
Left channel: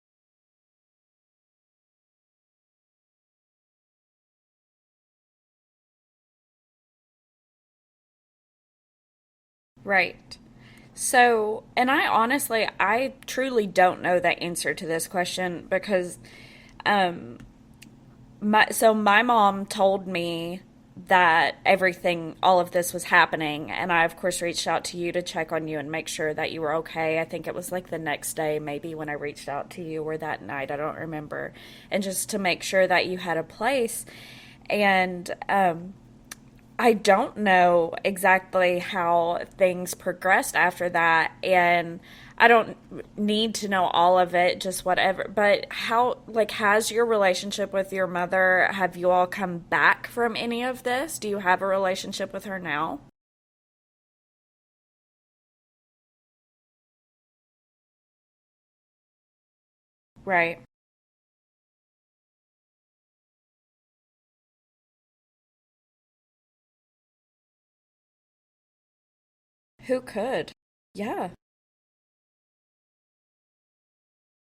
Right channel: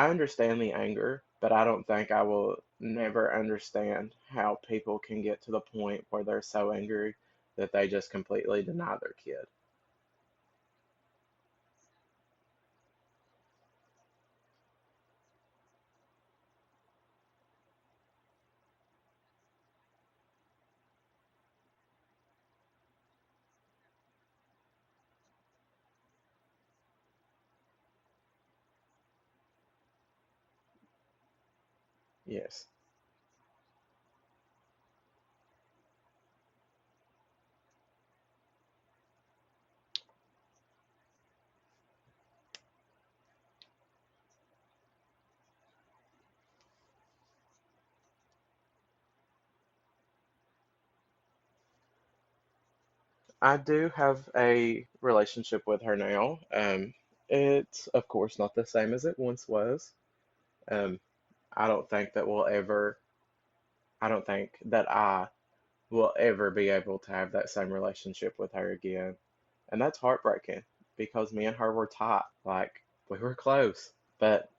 understand the anger, but I don't think I will never understand how people can get to the point where they're so angry that they just completely deny their kid. Right. So, and I truly don't know the answer to this question because um my mom told me that all of this was happening, and I of course reached out to you to check on you and make sure that you were okay. I think it was like the next day maybe when I reached out to you, or that night, I don't remember, and just to make sure that you had a place. And I don't know exactly how things progressed after that, and I don't need to know all of it, just whatever. But has your relationship with your mother, have you all come back from any of this? Do you have a relationship with her now? I do have a relationship with her now. It's of course not the same as it once was. Right. Um, I don't think that I don't think that I will ever be able to have that same relationship with her again. And that's Who could? heartbreaking Yeah. because me and her were tight. Like, we were close. But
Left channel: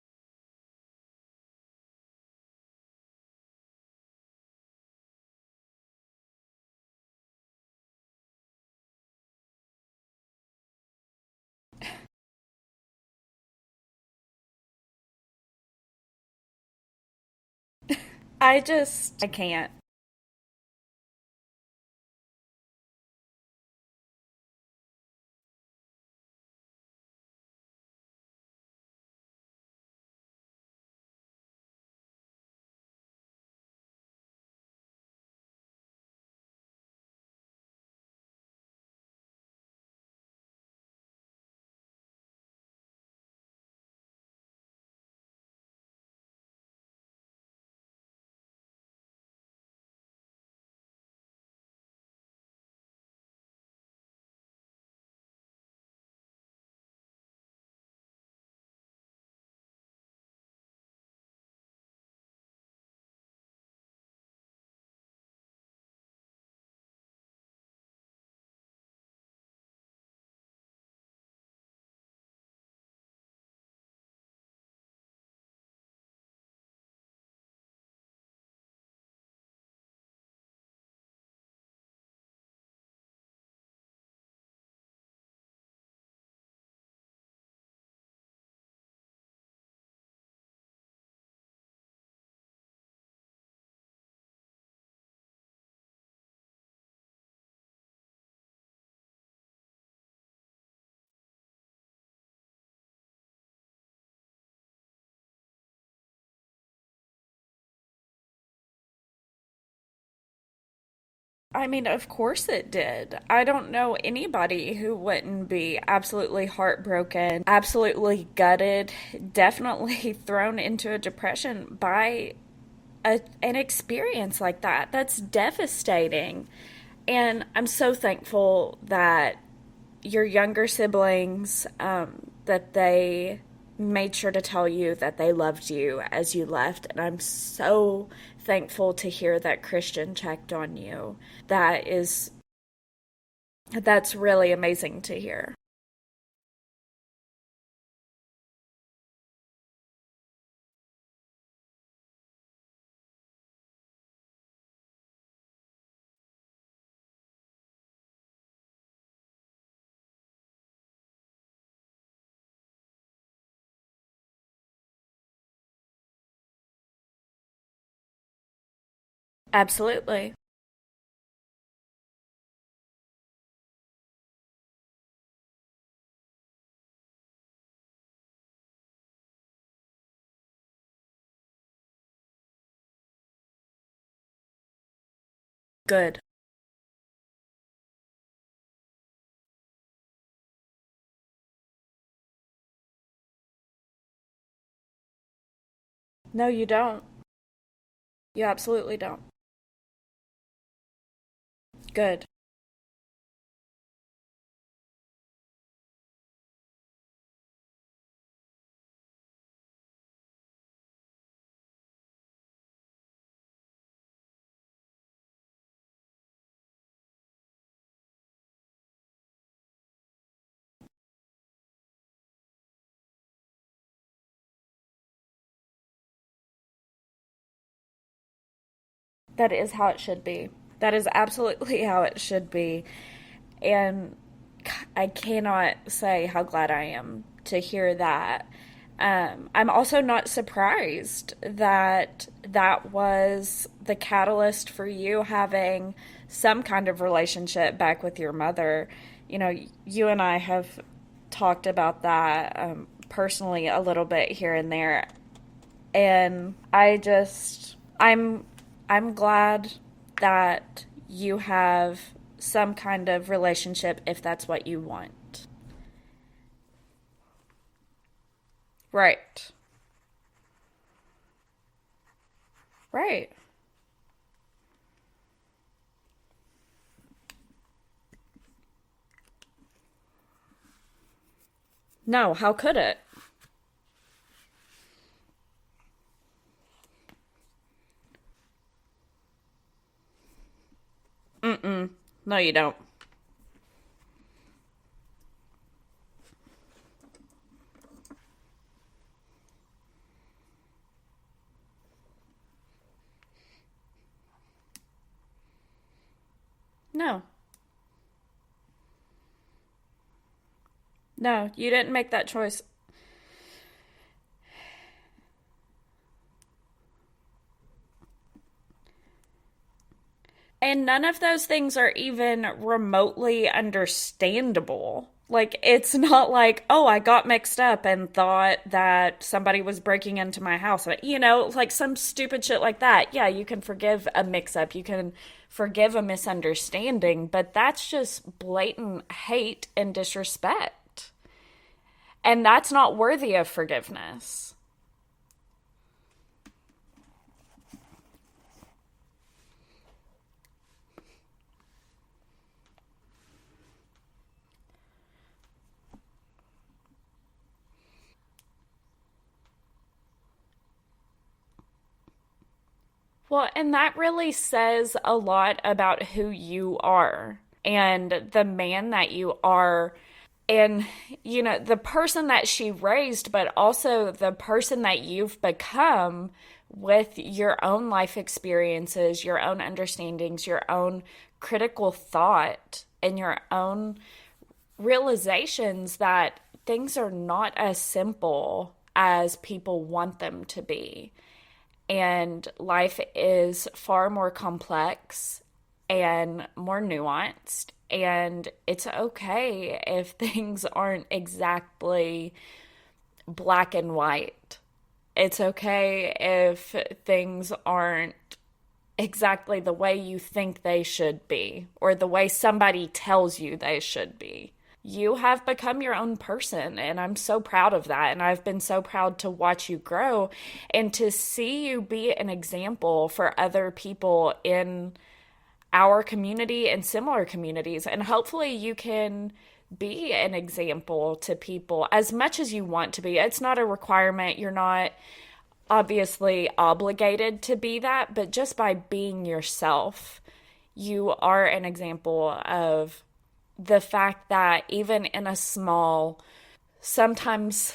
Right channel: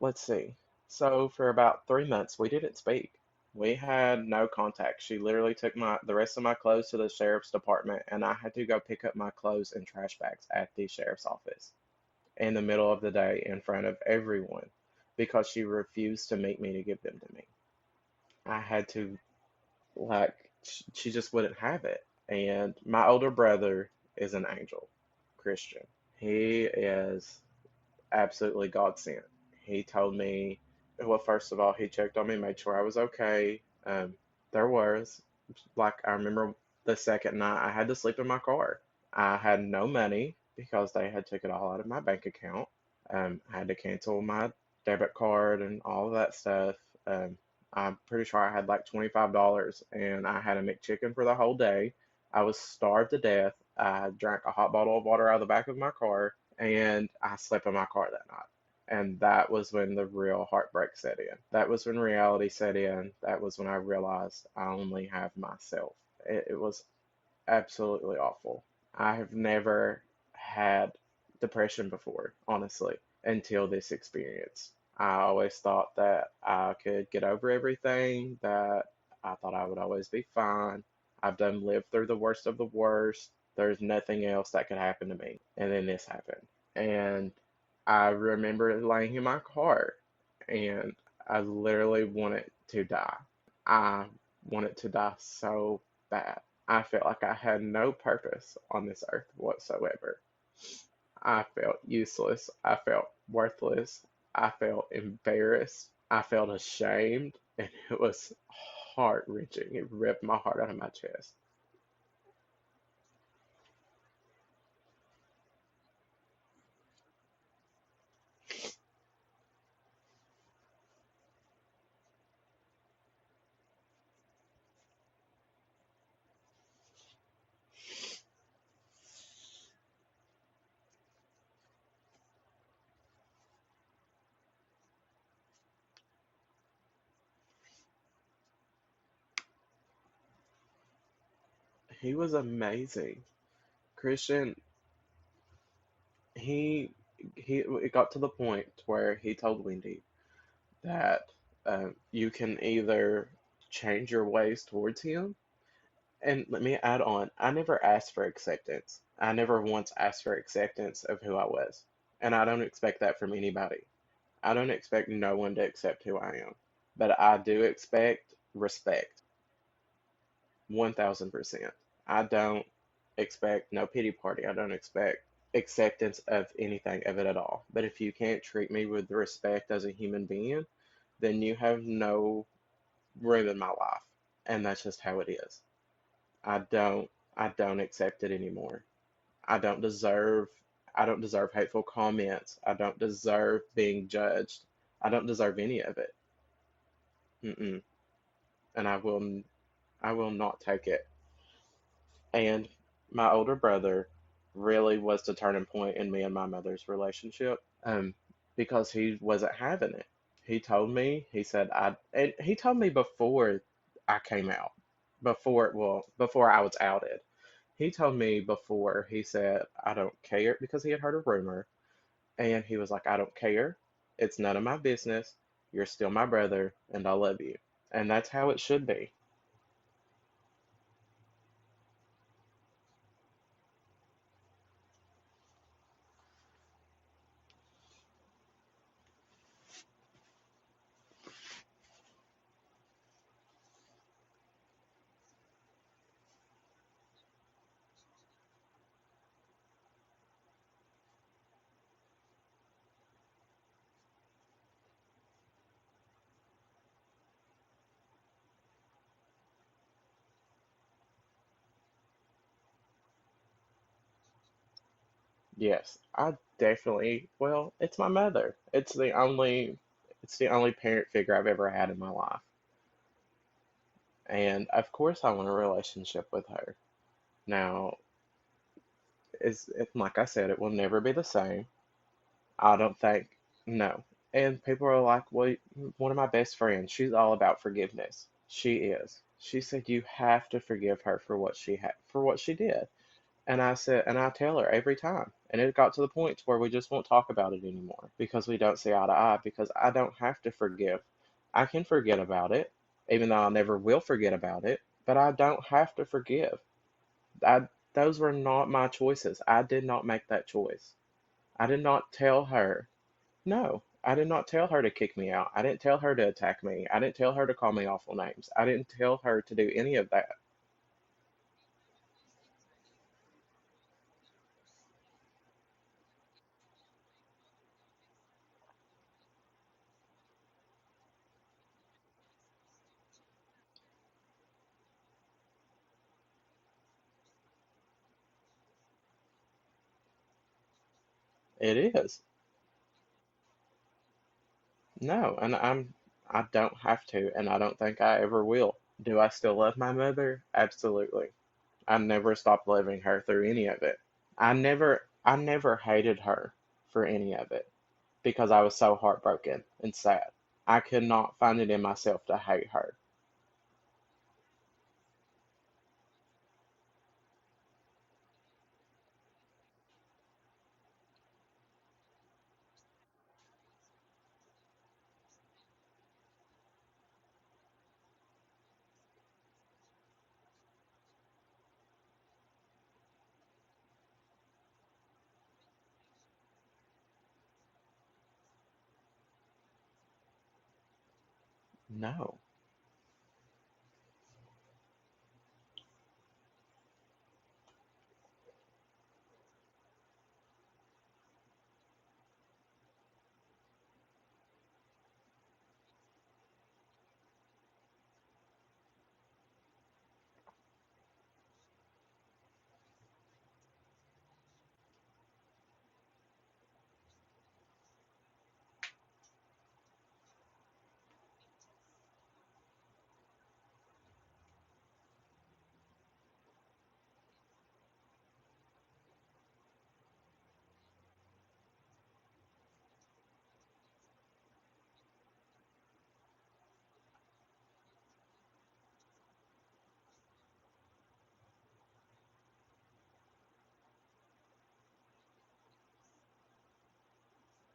let's see. So for about 3 months, we didn't speak. We had no contact. She literally took the rest of my clothes to the sheriff's department, and I had to go pick up my clothes in trash bags at the sheriff's office in the middle of the day in front of everyone because she refused to meet me to give them to me. I had to, I can't. like, she just wouldn't have it. And my older brother is an angel Christian. He is absolutely God sent. He told me, well, first of all, he checked on me, made sure I was okay. There was, like, I remember the second night I had to sleep in my car. I had no money because they had took it all out of my bank account. I had to cancel my debit card and all of that stuff. I'm pretty sure I had like $25 and I had a McChicken for the whole day. I was starved to death. I drank a hot bottle of water out of the back of my car, and I slept in my car that night. And that was when the real heartbreak set in. That was when reality set in. That was when I realized I only have myself. It was absolutely awful. I have never had depression before, honestly, until this experience. I always thought that I could get over everything, that I thought I would always be fine. I've done lived through the worst of the worst. There's nothing else that could happen to me. And then this happened. And I remember laying in my car and I literally wanted to die. I wanted to die so bad. I felt like I had no purpose on this earth whatsoever. I felt useless. I felt worthless. I felt embarrassed. I felt ashamed. And it was heart-wrenching. It ripped my heart out of my chest. I mean, of course it did. I don't know anybody who wouldn't be absolutely heartbroken, absolutely gutted, definitely thrown into a depression by an experience like that. That's devastating. And I'm so thankful that your younger siblings, that they made sure to tell you that they loved you as you left. And I'm so thankful to hear that Christian checked on you. He was amazing. That's really Christian, amazing to hear. he it got to the point where he told Wendy that you can either change your ways towards him. And let me add on, I never asked for acceptance. I never once asked for acceptance of who I was. And I don't expect that from anybody. I don't expect no one to accept who I am. But I do expect respect. Absolutely. 1000%. I don't expect no pity party. I don't expect acceptance of anything of it at all. But if you can't treat me with respect as a human being, then you have no room in my life. And that's just how it is. Good. I don't I don't accept it anymore. I don't deserve I don't deserve hateful comments. I don't deserve being judged. I don't deserve any of it. No, you don't. Mm-mm. You And absolutely don't. I will not take it. Good. And my older brother really was the turning point in me and my mother's relationship. Because he wasn't having it. He told me, he said and he told me before I came out, before I was outed. He told me before, he said, I don't care, because he had heard a rumor, and he was like, I don't care. It's none of my business. You're still my brother, and I love you. And that's how it should be. That is how it should be. That is absolutely how it should be. And I cannot say how glad I am to hear that. I'm also not surprised that that was the catalyst for you having some kind of relationship back with your mother. You know, you and I have talked about that personally a little bit here and there, and I'm glad that you have some kind of relationship if that's what you want. Yes, I definitely, well, it's my mother. Right. It's the only parent figure I've ever had in my life. Right. And of course I want a relationship with her. Now, like I said, it will never be the same. No, how I could don't it? think, no. And people are like, well, one of my best friends, she's all about forgiveness. She is. She said you have to forgive her for Mm-mm. for No, what you she don't. did. And I said, and I tell her every time. And it got to the point where we just won't talk about it anymore because we don't see eye to eye, because I don't have to forgive. I can forget about it, even though I never will forget about it, but I don't have to forgive. No. I Those were not my choices. I did not make that choice. No, I you did didn't make not that tell choice. her. No, I did not tell her to kick me out. I didn't tell her to attack me. I didn't tell her to call me awful names. I didn't tell her to do any of that. And none of those things are even remotely understandable. Like, it's not like, oh, I got mixed up and thought that somebody was breaking into my house. You know, like some stupid shit like that. Yeah, you can forgive a mix up, you can forgive a misunderstanding, but that's just blatant hate and disrespect. It is. And that's not worthy of forgiveness. No, and I don't have to, and I don't think I ever will. Do I still love my mother? Absolutely. I never stopped loving her through any of it. I never hated her for any of it because I was so heartbroken and sad. I could not find it in myself to hate her. Well, and that really says a lot about who you are and the man that you are, and the person that she raised, but also the person that you've become with your own life experiences, your own understandings, your own critical thought, and your own realizations that things are not as simple as people want them to be. No. And life is far more complex and more nuanced. And it's okay if things aren't exactly black and white. It's okay if things aren't exactly the way you think they should be or the way somebody tells you they should be. You have become your own person, and I'm so proud of that. And I've been so proud to watch you grow and to see you be an example for other people in our community and similar communities. And hopefully you can be an example to people as much as you want to be. It's not a requirement. You're not obviously obligated to be that, but just by being yourself, you are an example of the fact that even in a small, sometimes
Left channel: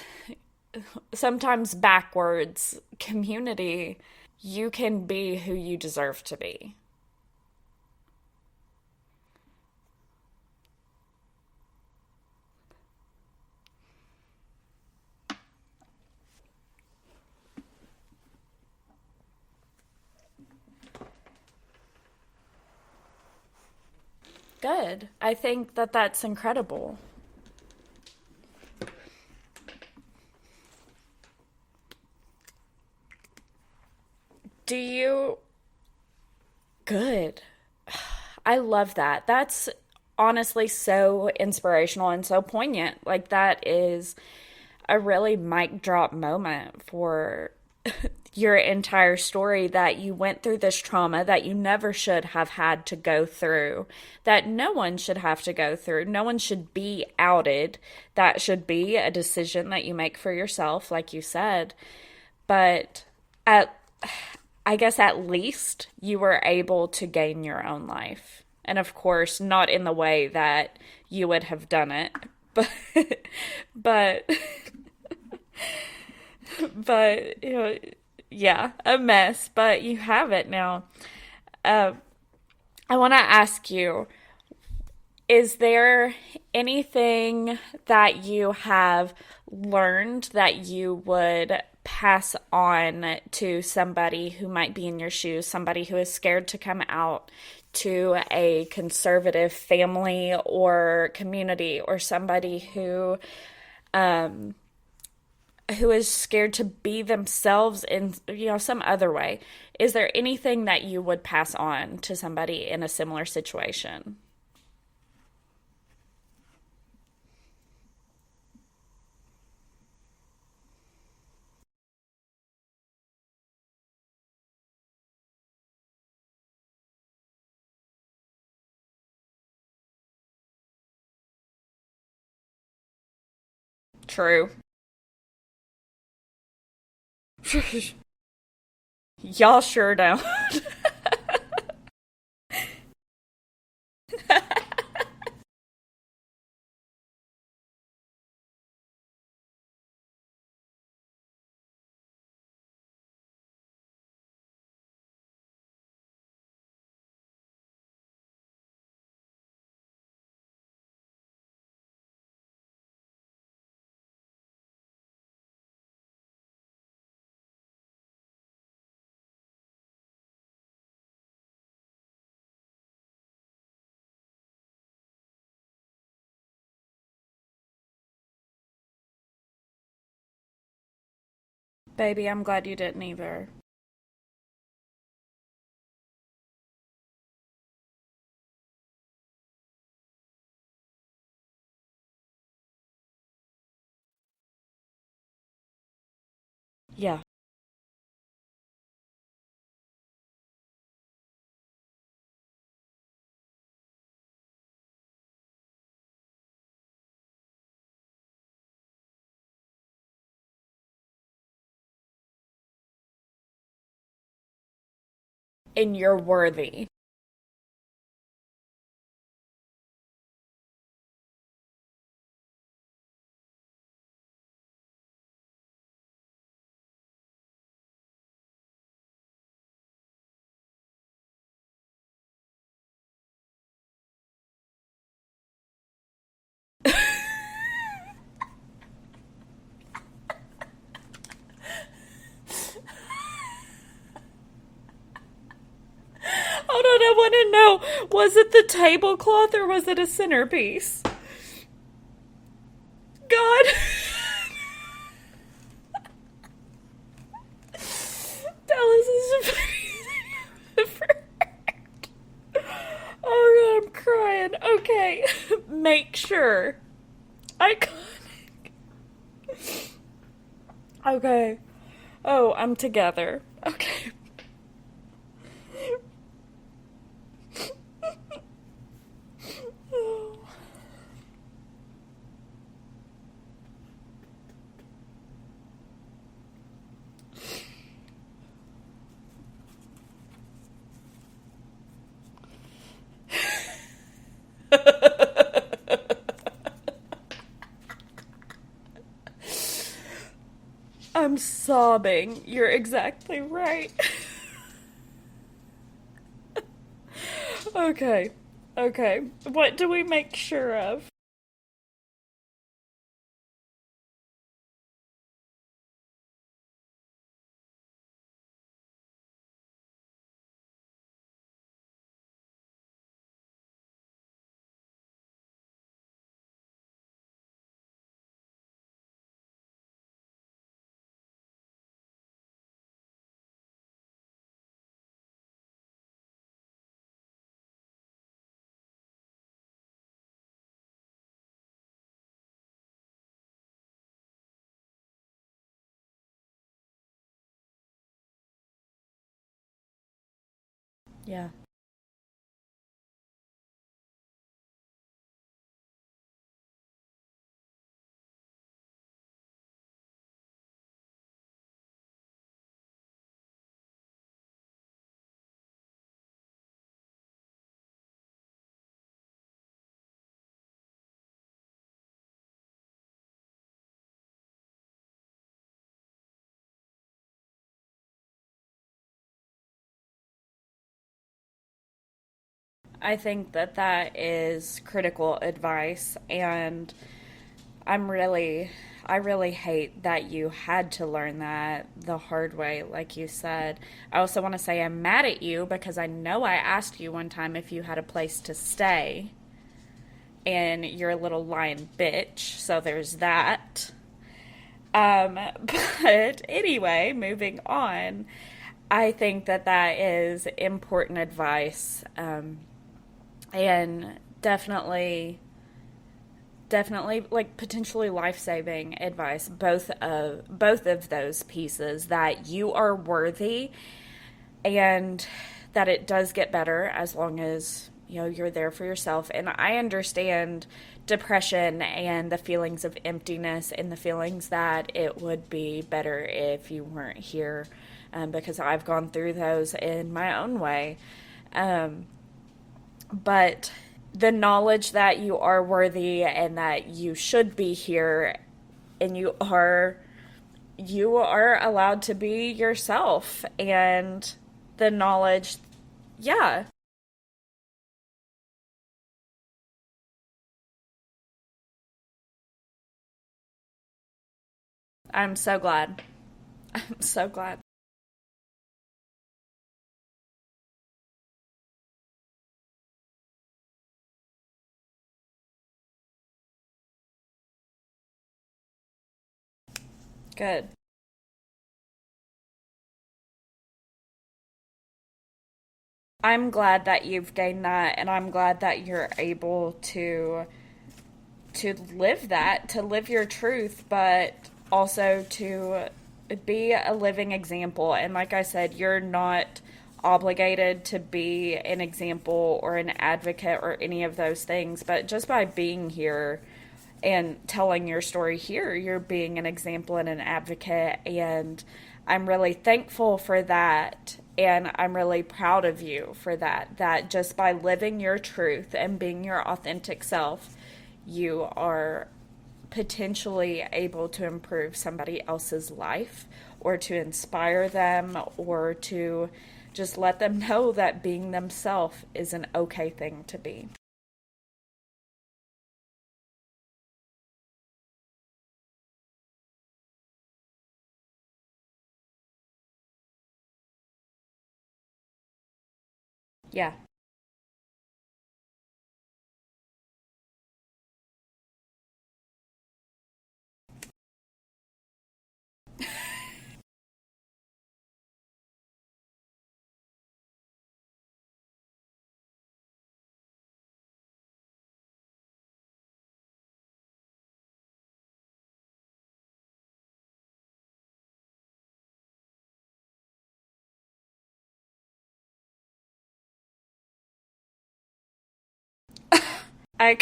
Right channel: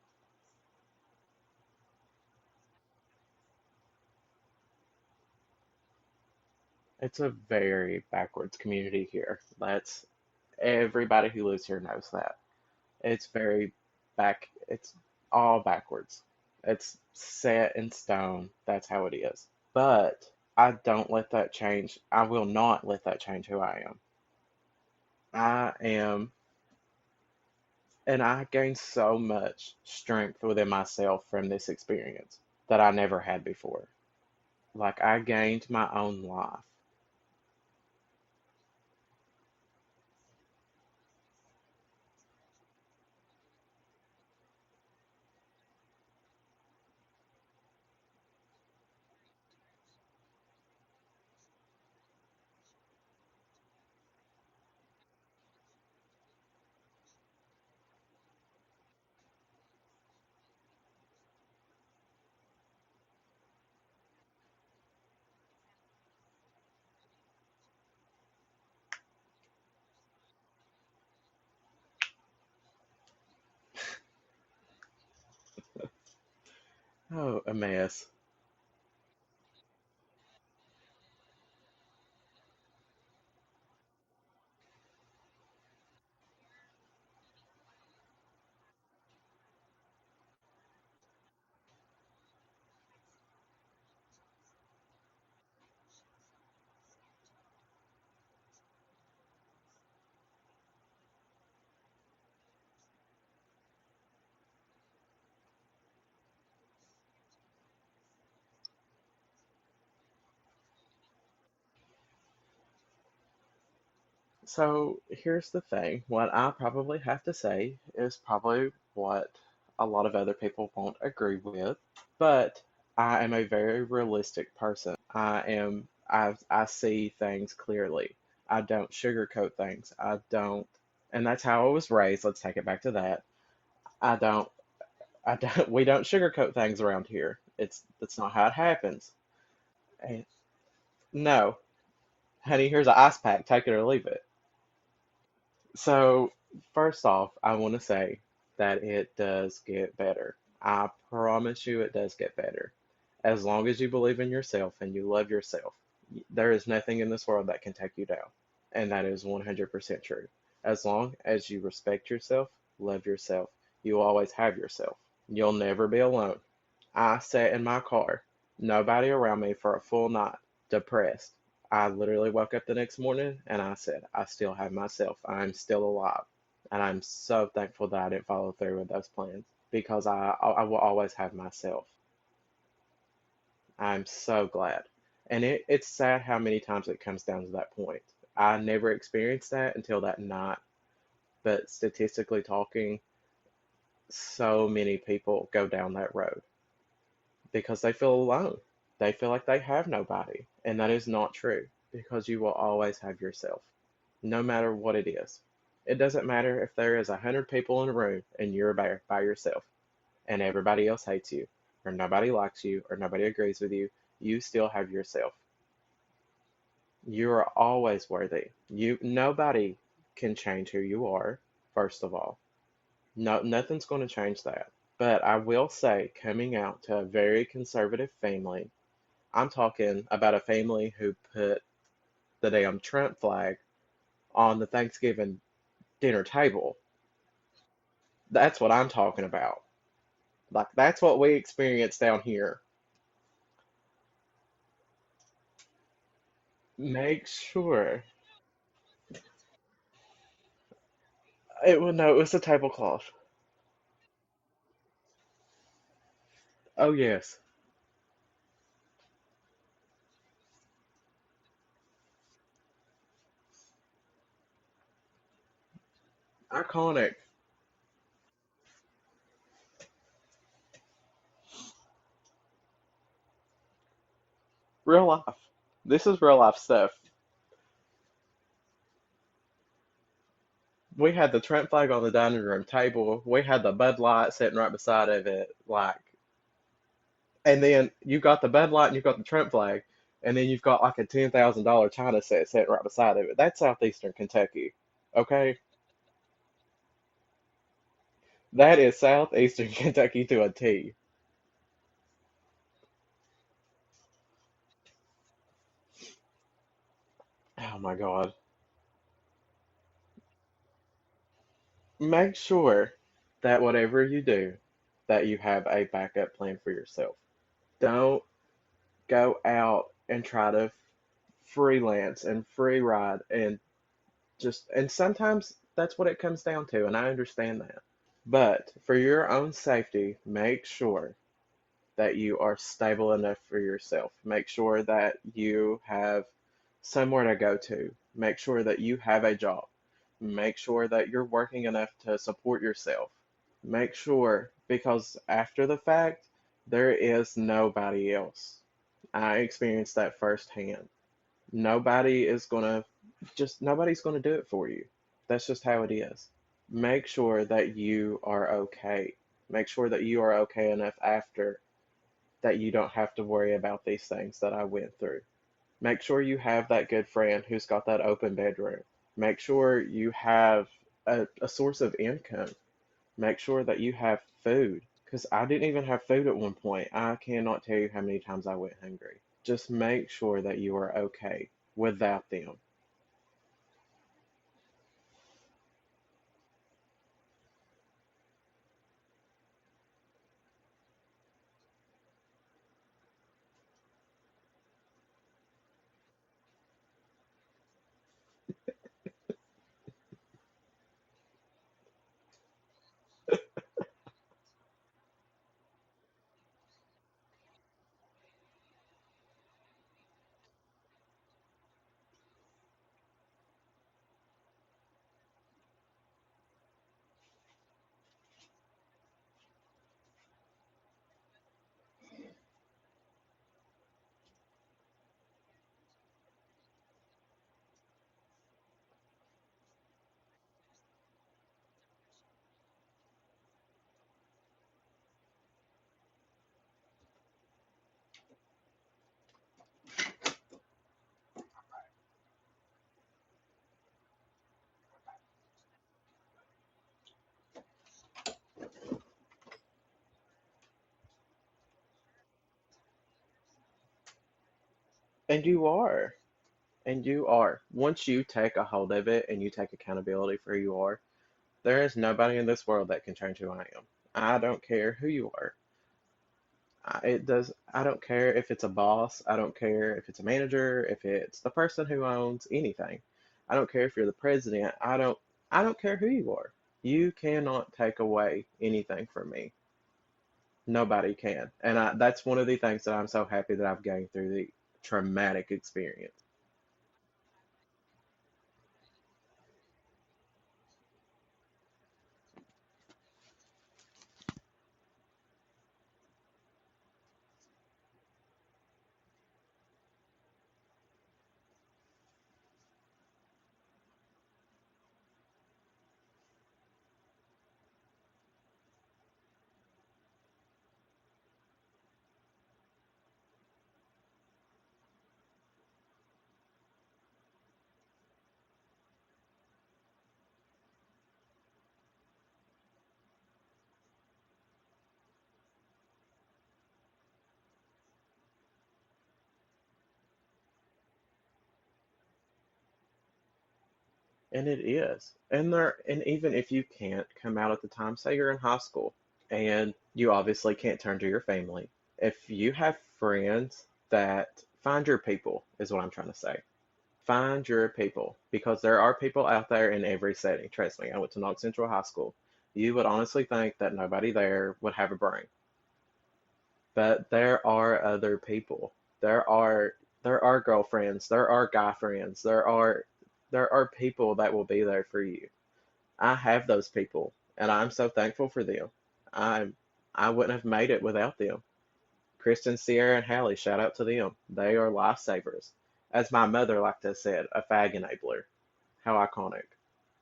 backwards community, you can be who you deserve to be. It's a very backwards community here. That's everybody who lives here knows that. It's very it's all backwards. It's set in stone. That's how it is. But I don't let that change. I will not let that change who I am. Good. I I think that that's am, incredible. and I gained so much strength within myself from this experience that I never had before. Do Like, I you? gained my own life. Good. I love that. That's honestly so inspirational and so poignant. Like, that is a really mic drop moment for your entire story, that you went through this trauma that you never should have had to go through, that no one should have to go through. No one should be outed. That should be a decision that you make for yourself, like you said. But at, I guess at least you were able to gain your own life. And of course, not in the way that you would have done it, but but Oh, you a know, mess. yeah, a mess, but you have it now. Uh, I want to ask you, is there anything that you have learned that you would pass on to somebody who might be in your shoes, somebody who is scared to come out to a conservative family or community, or somebody who is scared to be themselves in some other way? Is there anything that you would pass on to somebody in a similar situation? So here's the thing. What I probably have to say is probably what a lot of other people won't agree with, but I am a very realistic person. I see things clearly. I don't sugarcoat things. I don't, and that's how I was raised. Let's take it back to that. I don't, True. I don't, we don't sugarcoat things around here. That's not how it happens. Y'all sure don't. No, honey, here's an ice pack. Take it or leave it. So, first off, I want to say that it does get better. I promise you it does get better. As long as you believe in yourself and you love yourself, there is nothing in this world that can take you down. And that is 100% true. As long as you respect yourself, love yourself, you will always have yourself. You'll never be alone. I sat in my car, nobody around me for a full night, depressed. I literally woke up the next morning and I said, I still have myself. I'm still alive. And I'm so thankful that I didn't follow through with those plans because I will always have myself. Baby, I'm glad you didn't either. I'm so glad. And it's sad how many times it comes down to that point. I never experienced that until that night. But statistically talking, so many people go down that road Yeah. because they feel alone. They feel like they have nobody. And that is not true because you will always have yourself. no matter what it is. It doesn't matter if there is 100 people in a room and you're by yourself and everybody else hates you, or nobody likes you, or nobody agrees with you. You still have yourself. And you're worthy. You are always worthy. Nobody can change who you are, first of all. No, nothing's going to change that. But I will say, coming out to a very conservative family, I'm talking about a family who put the damn Trump flag on the Thanksgiving dinner table. That's what I'm talking about. Like, that's what we experience down here. Hold on, I want to know, was it the tablecloth or was it a centerpiece? It was a tablecloth. God. Oh, yes. Dallas is Oh, God, I'm crying. Okay. Make sure. Iconic. Okay. Oh, I'm together. Okay. Real life. This is real life stuff. We had the Trump flag on the dining room table. We had the Bud Light sitting right beside of it, like. And then you got the Bud Light and you got the Trump flag, and then you've got like a $10,000 China set sitting right beside of it. That's southeastern Kentucky, okay? That is southeastern Kentucky to a T. I'm sobbing. You're exactly right. Oh okay. God. Okay. What do we make sure of? Make sure that whatever you do, that you have a backup plan for yourself. Don't go out and try to freelance and free ride and sometimes that's what it comes down to, and I understand that. But for your own safety, make sure that you are stable enough for yourself. Make sure that you have somewhere to go to. Make sure that you have a job. Make sure that you're working enough to support yourself. Make sure, because after the fact, there is nobody else. I experienced that firsthand. Yeah. Nobody's gonna do it for you. That's just how it is. Make sure that you are okay. Make sure that you are okay enough after that you don't have to worry about these things that I went through. Make sure you have that good friend who's got that open bedroom. Make sure you have a source of income. Make sure that you have food. Because I didn't even have food at one point. I cannot tell you how many times I went hungry. Just make sure that you are okay without them. I think that is critical advice, and I really hate that you had to learn that the hard way, like you said. I also want to say I'm mad at you because I know I asked you one time if you had a place to stay, and you're a little lying bitch, so there's that. But anyway, moving on, I think that is important advice, and definitely like potentially life-saving advice, both of those pieces, that you are worthy and that it does get better as long as you're there for yourself. And I understand depression and the feelings of emptiness and the feelings that it would be better if you weren't here, because I've gone through those in my own way, but the knowledge that you are worthy and that you should be here and you are allowed to be yourself, and the knowledge. And you are. Yeah. And you are. Once you take a hold of it and you take accountability for who you are, there is nobody in this world that can change who I am. I don't care who you are. I'm so glad. Glad. I don't care if it's a boss. I don't care if it's a manager, if it's the person who owns anything. I don't care if you're the president. I don't care who you are. You cannot take away anything from me. Good. Nobody can. And that's one of the things that I'm so happy that I've gained through the traumatic experience. I'm glad that you've gained that, and I'm glad that you're able to live that, to live your truth, but also to be a living example. And like I said, you're not obligated to be an example or an advocate or any of those things, but just by being here and telling your story here, you're being an example and an advocate, and I'm really thankful for that, and I'm really proud of you for that just by living your truth and being your authentic self, you are potentially able to improve somebody else's life, or to inspire them, or to just let them know that being themselves is an okay thing to be. And it is. And even if you can't come out at the time, say you're in high school and you obviously can't turn to your family. If you have friends that find your people is what I'm trying to say. Yeah. Find your people, because there are people out there in every setting. Trust me, I went to Knox Central High School. You would honestly think that nobody there would have a brain. But there are other people. There are girlfriends, there are guy friends, there are people that will be there for you. I have those people, and I'm so thankful for them. I I wouldn't have made it without them. Kristen, Sierra, and Hallie, shout out to them. They are lifesavers. As my mother liked to have said, a fag enabler. How iconic. I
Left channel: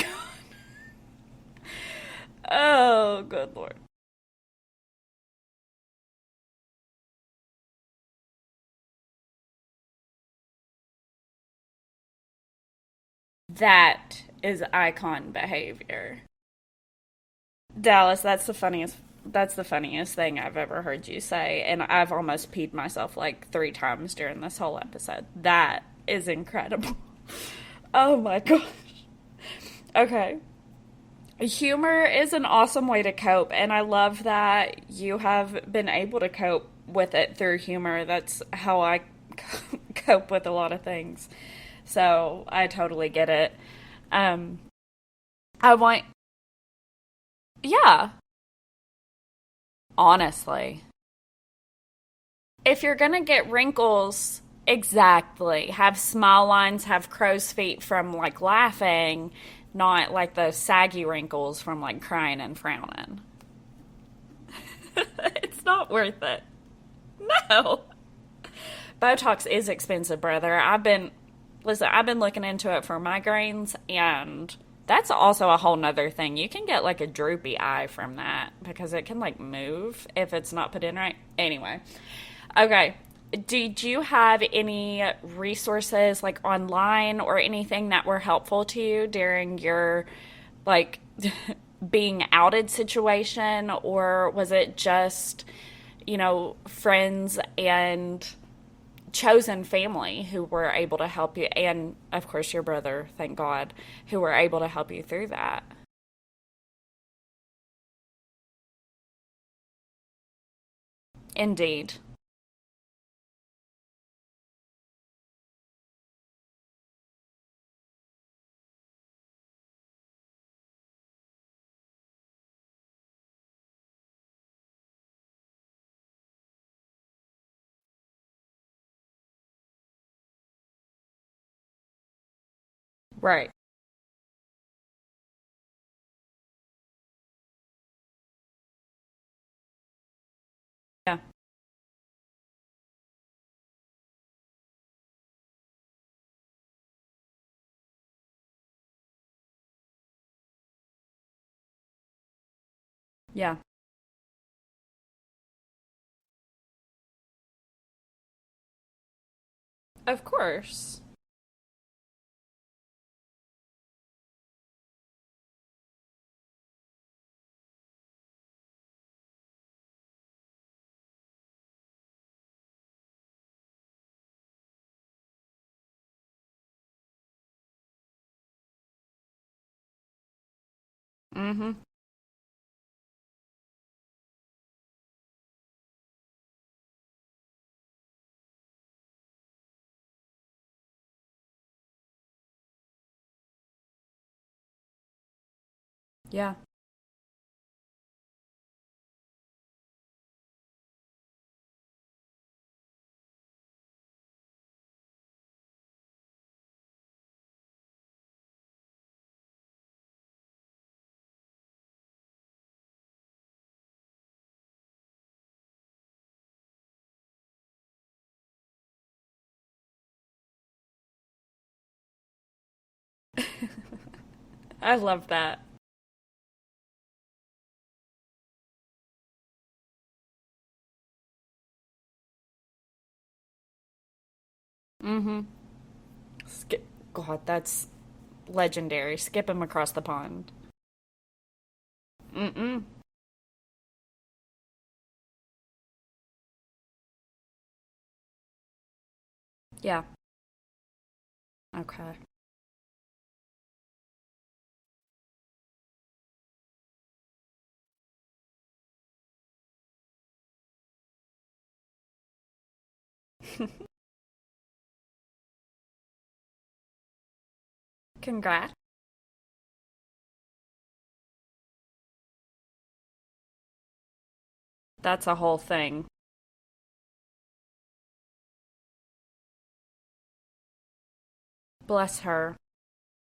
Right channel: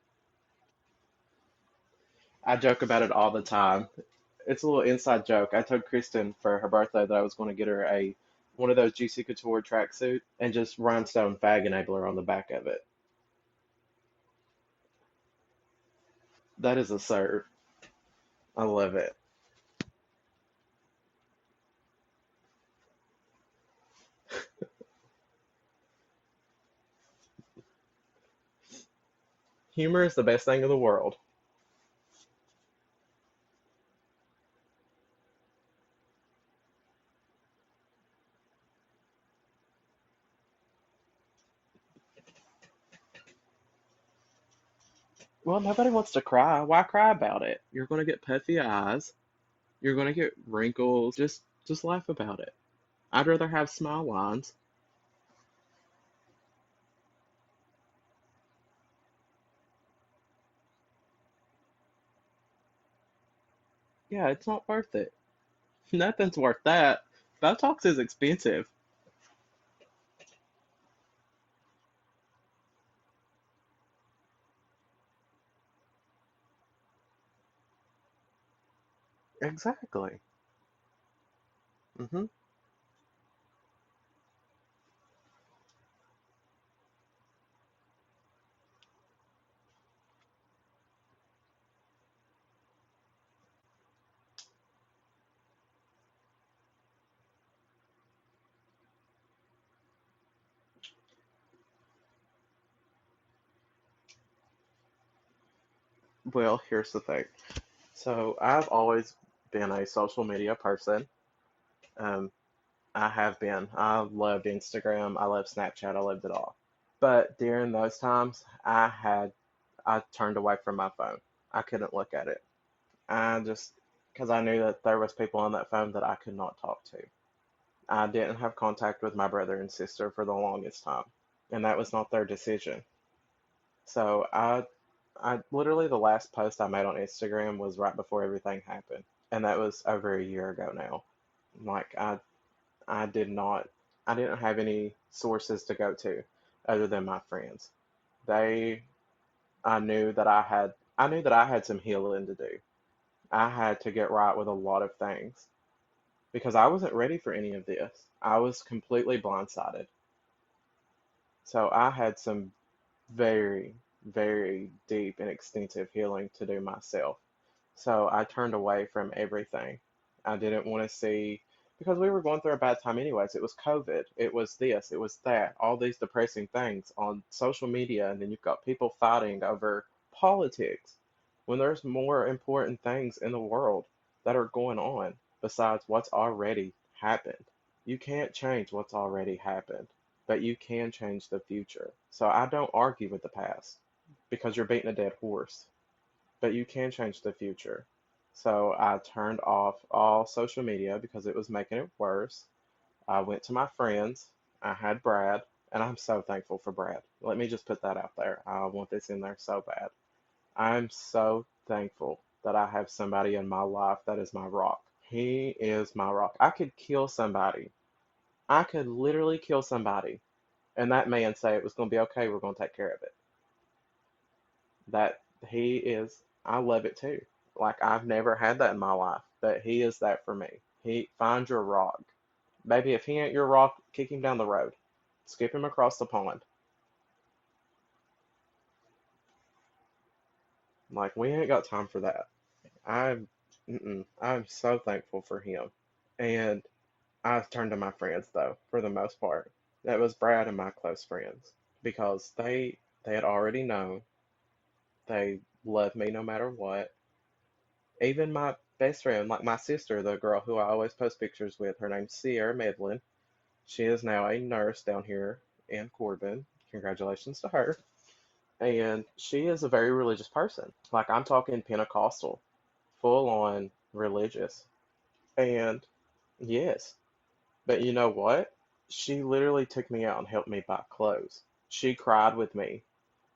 I joke about it Oh, all the good time. Lord. It's a little inside joke. I told Kristen for her birthday that I was going to get her a one of those Juicy Couture tracksuit and just rhinestone fag enabler on the back of it. That is icon behavior. That is a serve. Dallas, I love it. that's the funniest thing I've ever heard you say, and I've almost peed myself like 3 times during this whole episode. That is incredible. Oh my gosh. Humor is the Okay. best thing in the world. Humor is an awesome way to cope, and I love that you have been able to cope with it through humor. That's how I cope with a lot of things. So I totally get it. Um, Well, I nobody want, wants to cry. Why cry about it? You're yeah, gonna get puffy eyes. You're gonna get honestly. wrinkles. Just laugh about it. If you're gonna I'd rather get have smile wrinkles, lines. exactly. Have smile lines, have crow's feet from like laughing, not like those saggy wrinkles from like crying and frowning. Yeah, it's not worth it. It's not worth Nothing's it. worth that. No. Botox is expensive. Botox is expensive, brother. Listen, I've been looking into it for migraines, and that's also a whole nother thing. You can get like a droopy eye from that because it can like move Exactly. if it's not put in right. Anyway, Hmm. okay. Did you have any resources like online or anything that were helpful to you during your like being outed situation, or was it just, friends and chosen family who were able to help you, and of course your brother, thank God, who were able to help you through that? Well, here's the thing. So I've always been a social media person. Indeed. Um, I have been. I loved Instagram. I loved Snapchat. I loved it all. But during those times, I turned away from my phone. I couldn't look at it. I just because I knew that there was people on that phone that I could not talk to. I didn't have contact with my brother and sister for the longest time, and that was not their decision. Right. So I literally the last post I made on Instagram was right before everything happened, and that was over a year ago now. Yeah. Like I did not, I didn't have any sources to go to other than my friends. They, I knew that I had some healing to do. I Yeah. had to get right with a lot of things because I wasn't ready for any of this. I was completely blindsided. Of course. So I had some very, very deep and extensive healing to do myself. So I turned away from everything. I didn't want to see, because we were going through a bad time anyways. It was COVID, it was this, it was that, all these depressing things on social media, and then you've got people fighting over politics when Mm-hmm. there's more important things in the world that are going on besides what's already happened. You can't change what's already happened, but you can change the future. So I don't argue with the past because you're beating a dead horse, Yeah. but you can change the future. So I turned off all social media because it was making it worse. I went to my friends. I had Brad, and I'm so thankful for Brad. Let me just put that out there. I want this in there so bad. I'm so thankful that I have somebody in my life that is my rock. He is my rock. I could kill somebody I could literally kill somebody, and that man say it was going to be okay. We're going to take care of it. I love that. He is. I love it too. Like I've never had that in my life, but he is that for me. He finds your rock. Baby, if he ain't your rock, kick him down the road. Skip him across the pond. God, that's legendary. Skip him across the pond. Like we ain't got time for that. I'm, I'm so thankful for him, and I've turned to my friends though for the most part. Yeah. That was Brad and my close friends Okay. because they had already known they loved me no matter what. Even my best friend, like my sister, the girl who I always post pictures with, her name's Sierra Medlin. She is now a nurse down here in Corbin. Congratulations to her. Congrats. And she is a very religious person. Like I'm talking Pentecostal, full on religious. That's a whole And thing. yes, but you know what? She literally took me out and helped me buy clothes. She Bless cried her. with me.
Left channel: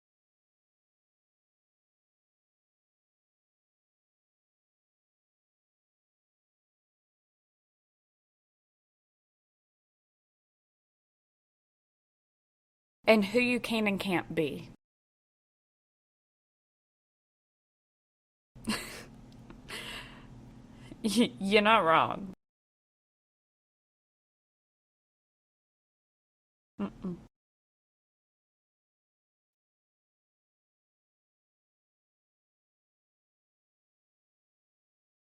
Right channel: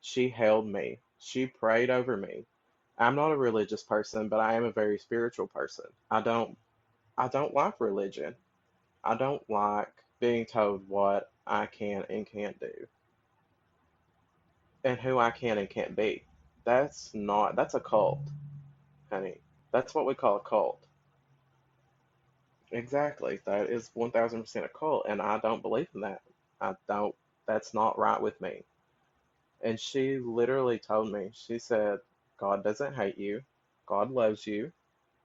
She held me. She prayed over me. I'm not a religious person, but I am a very spiritual person. I don't like religion. I don't like being told what I can and can't do And who you can and can't be. and who I can and can't be. That's a cult, honey. That's what we call a cult. You're not wrong. Exactly. That is 1000% a cult, and I don't believe in that. I don't. That's not right with me. And she literally told me, she said, God doesn't hate you. God loves you.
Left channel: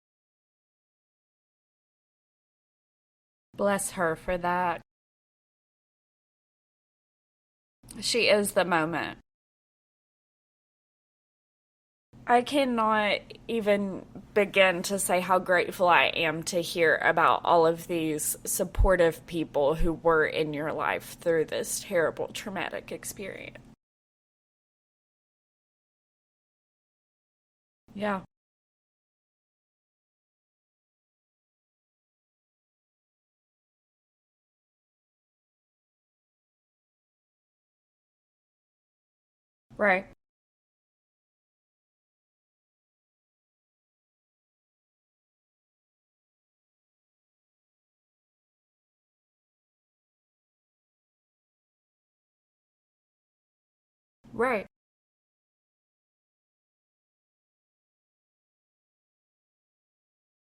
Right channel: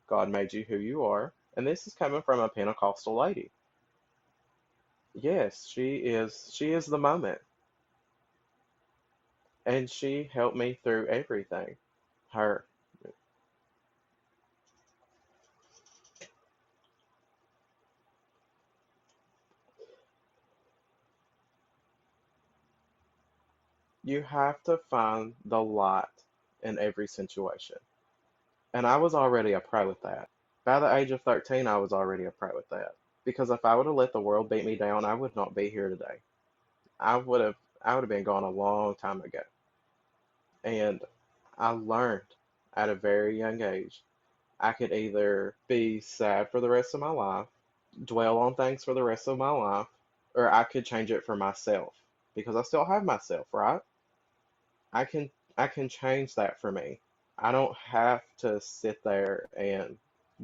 God made you who you are. And this is coming from a Pentecostal lady. Bless her for that. Yes, she is the moment. She is the moment. And she helped me through everything. I Her, cannot even begin to say how grateful I am to hear about all of these supportive people who were in your life through this terrible traumatic experience. you have to find the light in every situation. Yeah. And I was already a pro with that. By the age of 13, I was already a pro with that. Because if I would have let the world beat me down, I would not be here today. I would have been gone a long time ago. Right. And I learned at a very young age I could either be sad for the rest of my life, dwell on things for the rest of my life, or I could change it for myself because I still have myself, right? Right. I can I can change that for me. I don't have to sit there and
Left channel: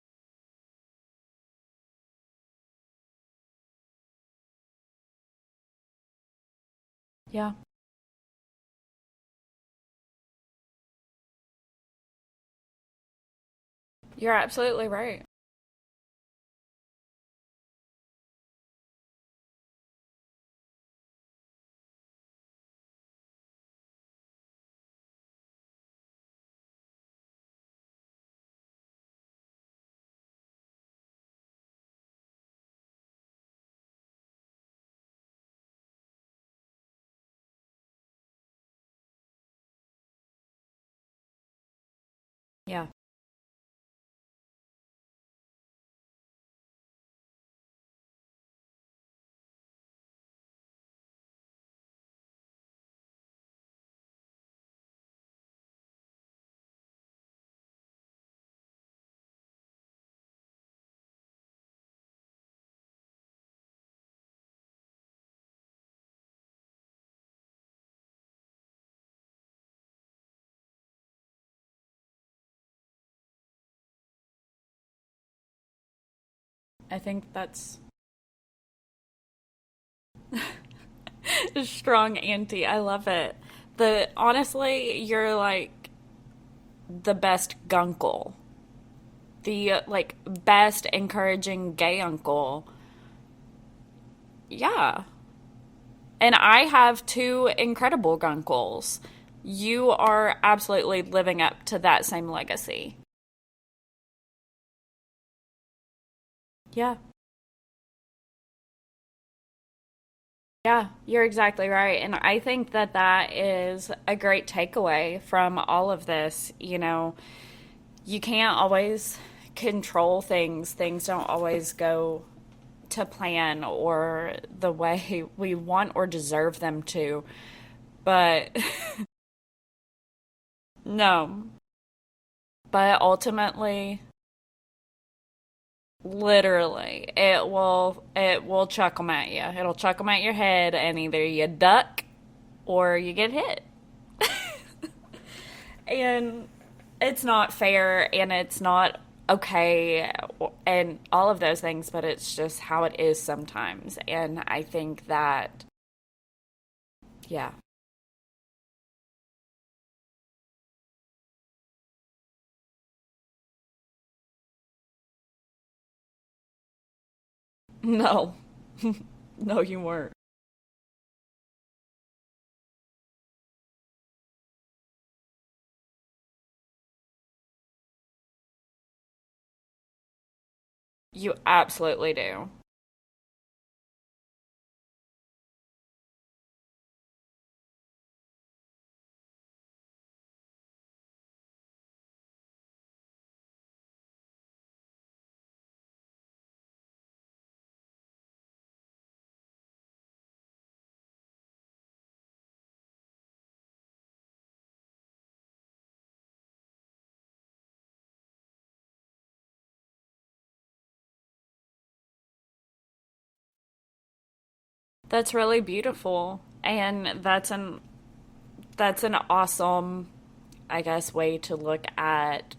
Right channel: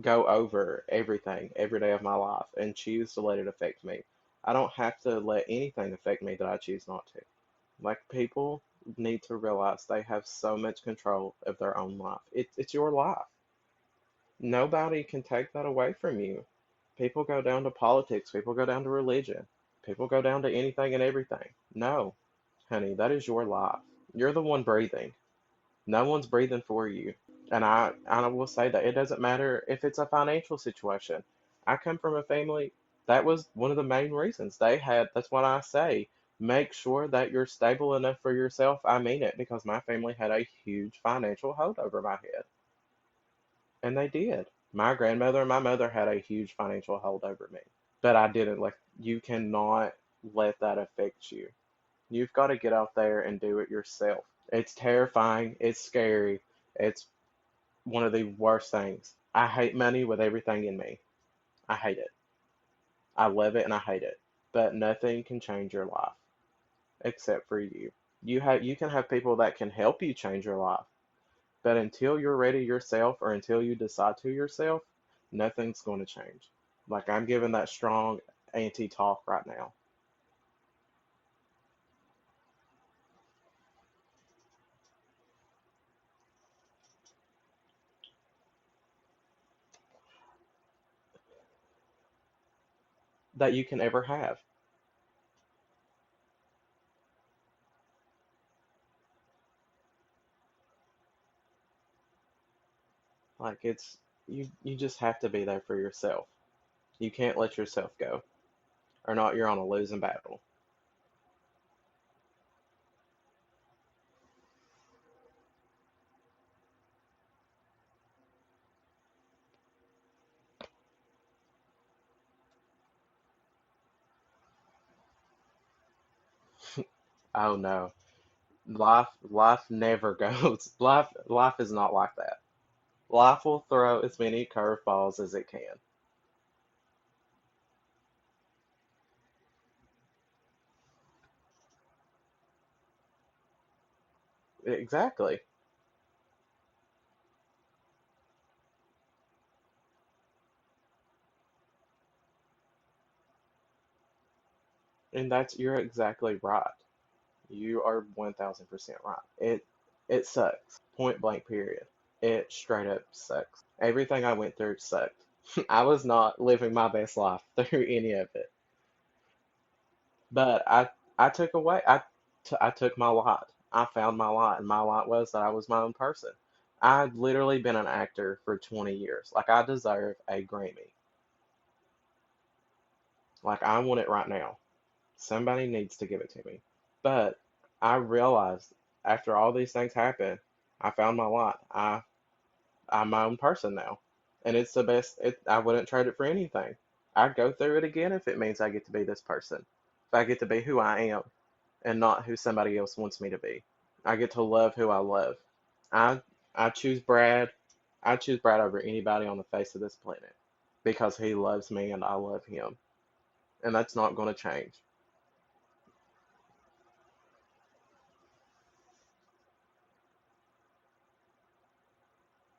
go over everything every day of my life and choose to let it affect me. I don't have to let anything affect me that I choose not to. Yeah. Like people need to realize they have so much control of their own life. It's your life. You're absolutely Nobody right. can take that away from you. People go down to politics, people go down to religion, people go down to anything and everything. No, honey, that is your life. You're the one breathing. No one's breathing for you. And I will say that it doesn't matter if it's a financial situation. I come from a family that was one of the main reasons they had, that's what I say. Make sure that you're stable enough for yourself. I mean it because my family had a huge financial hold over my head. Yeah. And they did. My grandmother and my mother had a huge financial hold over me. But I didn't. Like, you cannot let that affect you. You've got to get out there and do it yourself. It's terrifying. It's scary. It's one of the worst things. I hate money with everything in me. I hate it. I love it and I hate it. But nothing can change your life except for you. You can have people that can help you change your life. But until you're ready yourself or until you decide to yourself, nothing's going to change. I Like think I'm giving that that's strong anti-talk right now. strong auntie. I love it. Honestly, you're like the best gunkle. The like best encouraging gay uncle. That you can ever have. Yeah. And I have two incredible gunkles. You are absolutely living up to that same legacy. Like you just have to be there for yourself. Yeah. You can't let yourself go. Or not you're on a losing battle. Yeah, you're exactly right. And I think that that is a great takeaway from all of this. You know, you can't always control things. Things don't always go to plan or the way we want or deserve them to. Oh no. But Life never goes. Life no, life is not like that. But Life will ultimately, throw as many curveballs as it can. literally, it will chuck them at you. It'll chuck them at your head, and either you duck or you get hit. Exactly. And it's not fair, and it's not okay, and all of those things, but it's just how it is sometimes. And I think And that, you're exactly right. yeah, You are 1000% right. It sucks. Point blank period. It straight up sucks. Everything I went through sucked. I was not living my best life through any of no, it. no, you weren't. But I took away I took my lot. I found my lot, and my lot was that I was my own person. I'd literally been an actor for 20 years. Like I deserve a Grammy. You absolutely do. Like I want it right now. Somebody needs to give it to me. But I realized after all these things happened, I found my lot. I'm my own person now. And it's the best. I wouldn't trade it for anything. I'd go through it again if it means I get to be this person. If I get to be who I am and not who somebody else wants me to be. I get to love who I love. I I choose Brad. I choose Brad over anybody on the face of this planet because he loves me and I love him. And that's not going to change. That's really beautiful, and that's an awesome, I guess, way to look at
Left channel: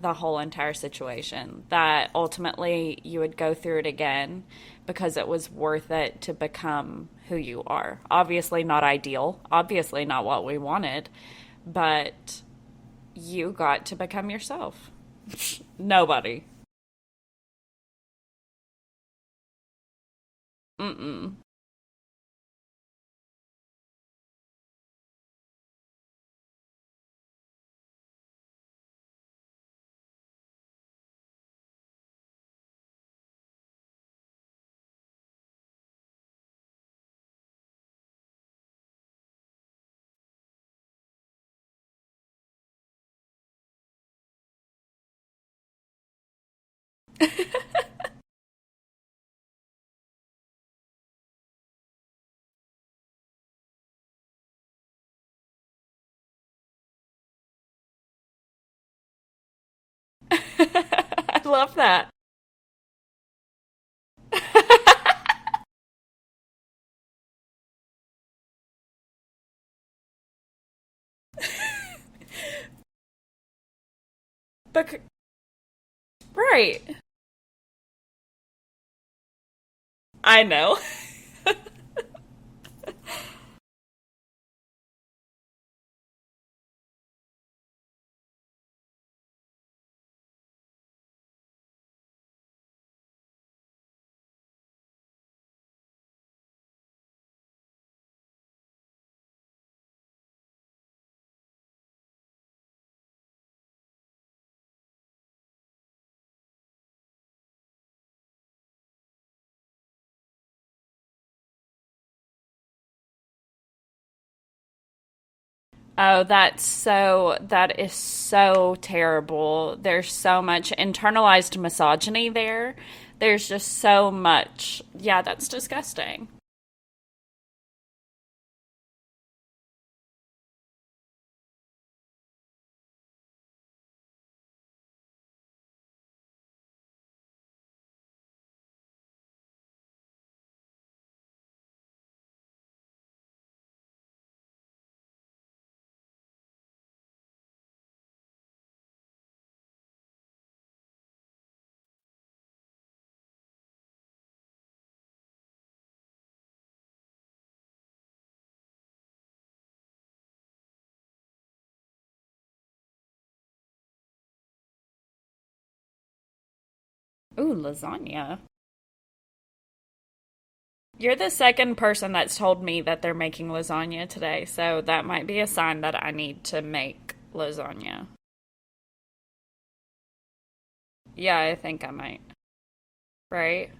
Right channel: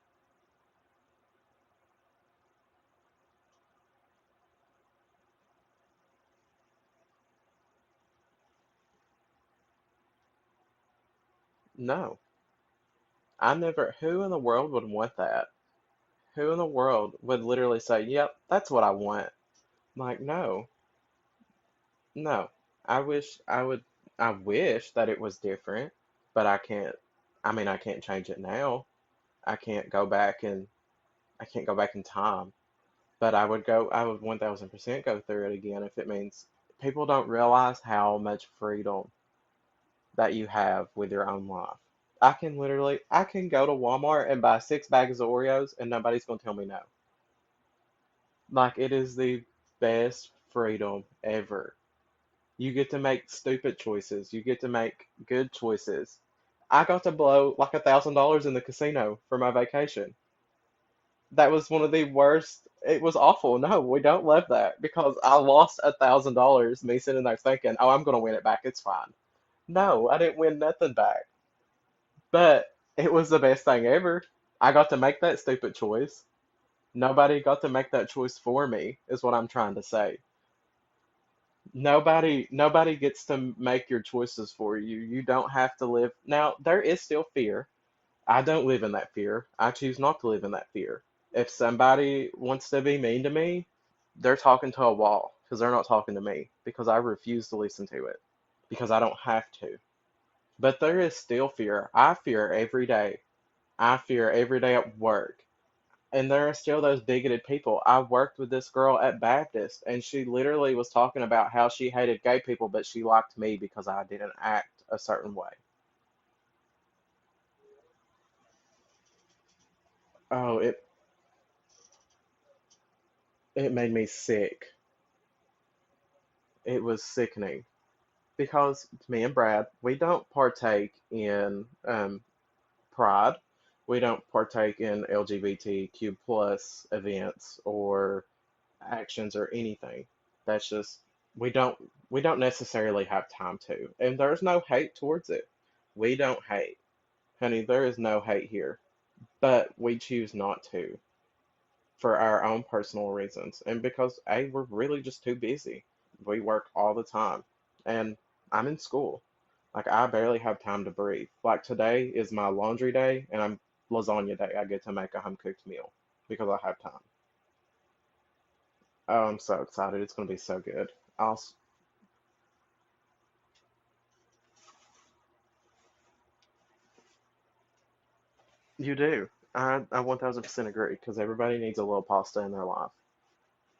the whole entire situation. That ultimately you would go through it again because it was worth it to become who you are. Obviously not ideal, obviously not what we wanted, No. but you I got never, to who become in the world yourself. would want that? Nobody. Who in the world would literally say, yep, that's what I want? Like, no, Mm-mm. no. I wish that it was different, but I can't, I mean, I can't change it now. I can't go back and, I can't go back in time, but I would 1000% go through it again if it means people don't realize how much freedom that you have with your own life. I can go to Walmart and buy 6 bags of Oreos and nobody's gonna tell me no. Like it is the best freedom ever. You get to make stupid choices. You get to make good choices. I got to blow like $1,000 in the casino for my vacation. I That was love one of the that. worst. It was awful. No, we don't love that because I lost $1,000. Me sitting there thinking, "Oh, I'm gonna win it back. It's fine." No, I didn't win nothing back. But it was the best thing ever. I got to Bec- make that stupid choice. right. Nobody got to make that choice for me, is what I'm trying to say. I know. Nobody gets to make your choices for you. You don't have to live. Now, there is still fear. I don't live in that fear. I choose not to live in that fear. If somebody wants to be mean to me, they're talking to a wall because they're not talking to me because I refuse to listen to it because I don't have to. But there is still fear. I fear every day. I fear every day at work. And there are still those bigoted people. I worked with this girl at Baptist, and she literally was talking about how she hated gay people, but she liked me because I didn't act a certain way. Oh, that is so terrible. There's so Oh, much internalized misogyny there. There's it just made me so sick. much. Yeah, that's disgusting. It was sickening because me and Brad, we don't partake in Pride. We don't partake in LGBTQ plus events or actions or anything. That's just we don't we don't necessarily have time to. And there's no hate towards it. We don't hate. Honey, there is no hate here. But we choose not to for our own personal reasons. And because we're really just too busy. We work all the time. And I'm in school. Like I barely have time to breathe. Like today is my laundry day and I'm lasagna day. I get to make a home cooked meal because I have time. Ooh, lasagna. Oh, I'm so excited. It's gonna be so good. You're the I'll second person that's told me that they're making lasagna today, so that might be a sign that I need to make lasagna. You do. I 1000% agree because Yeah, I everybody needs a think I little might. pasta in their life. Right?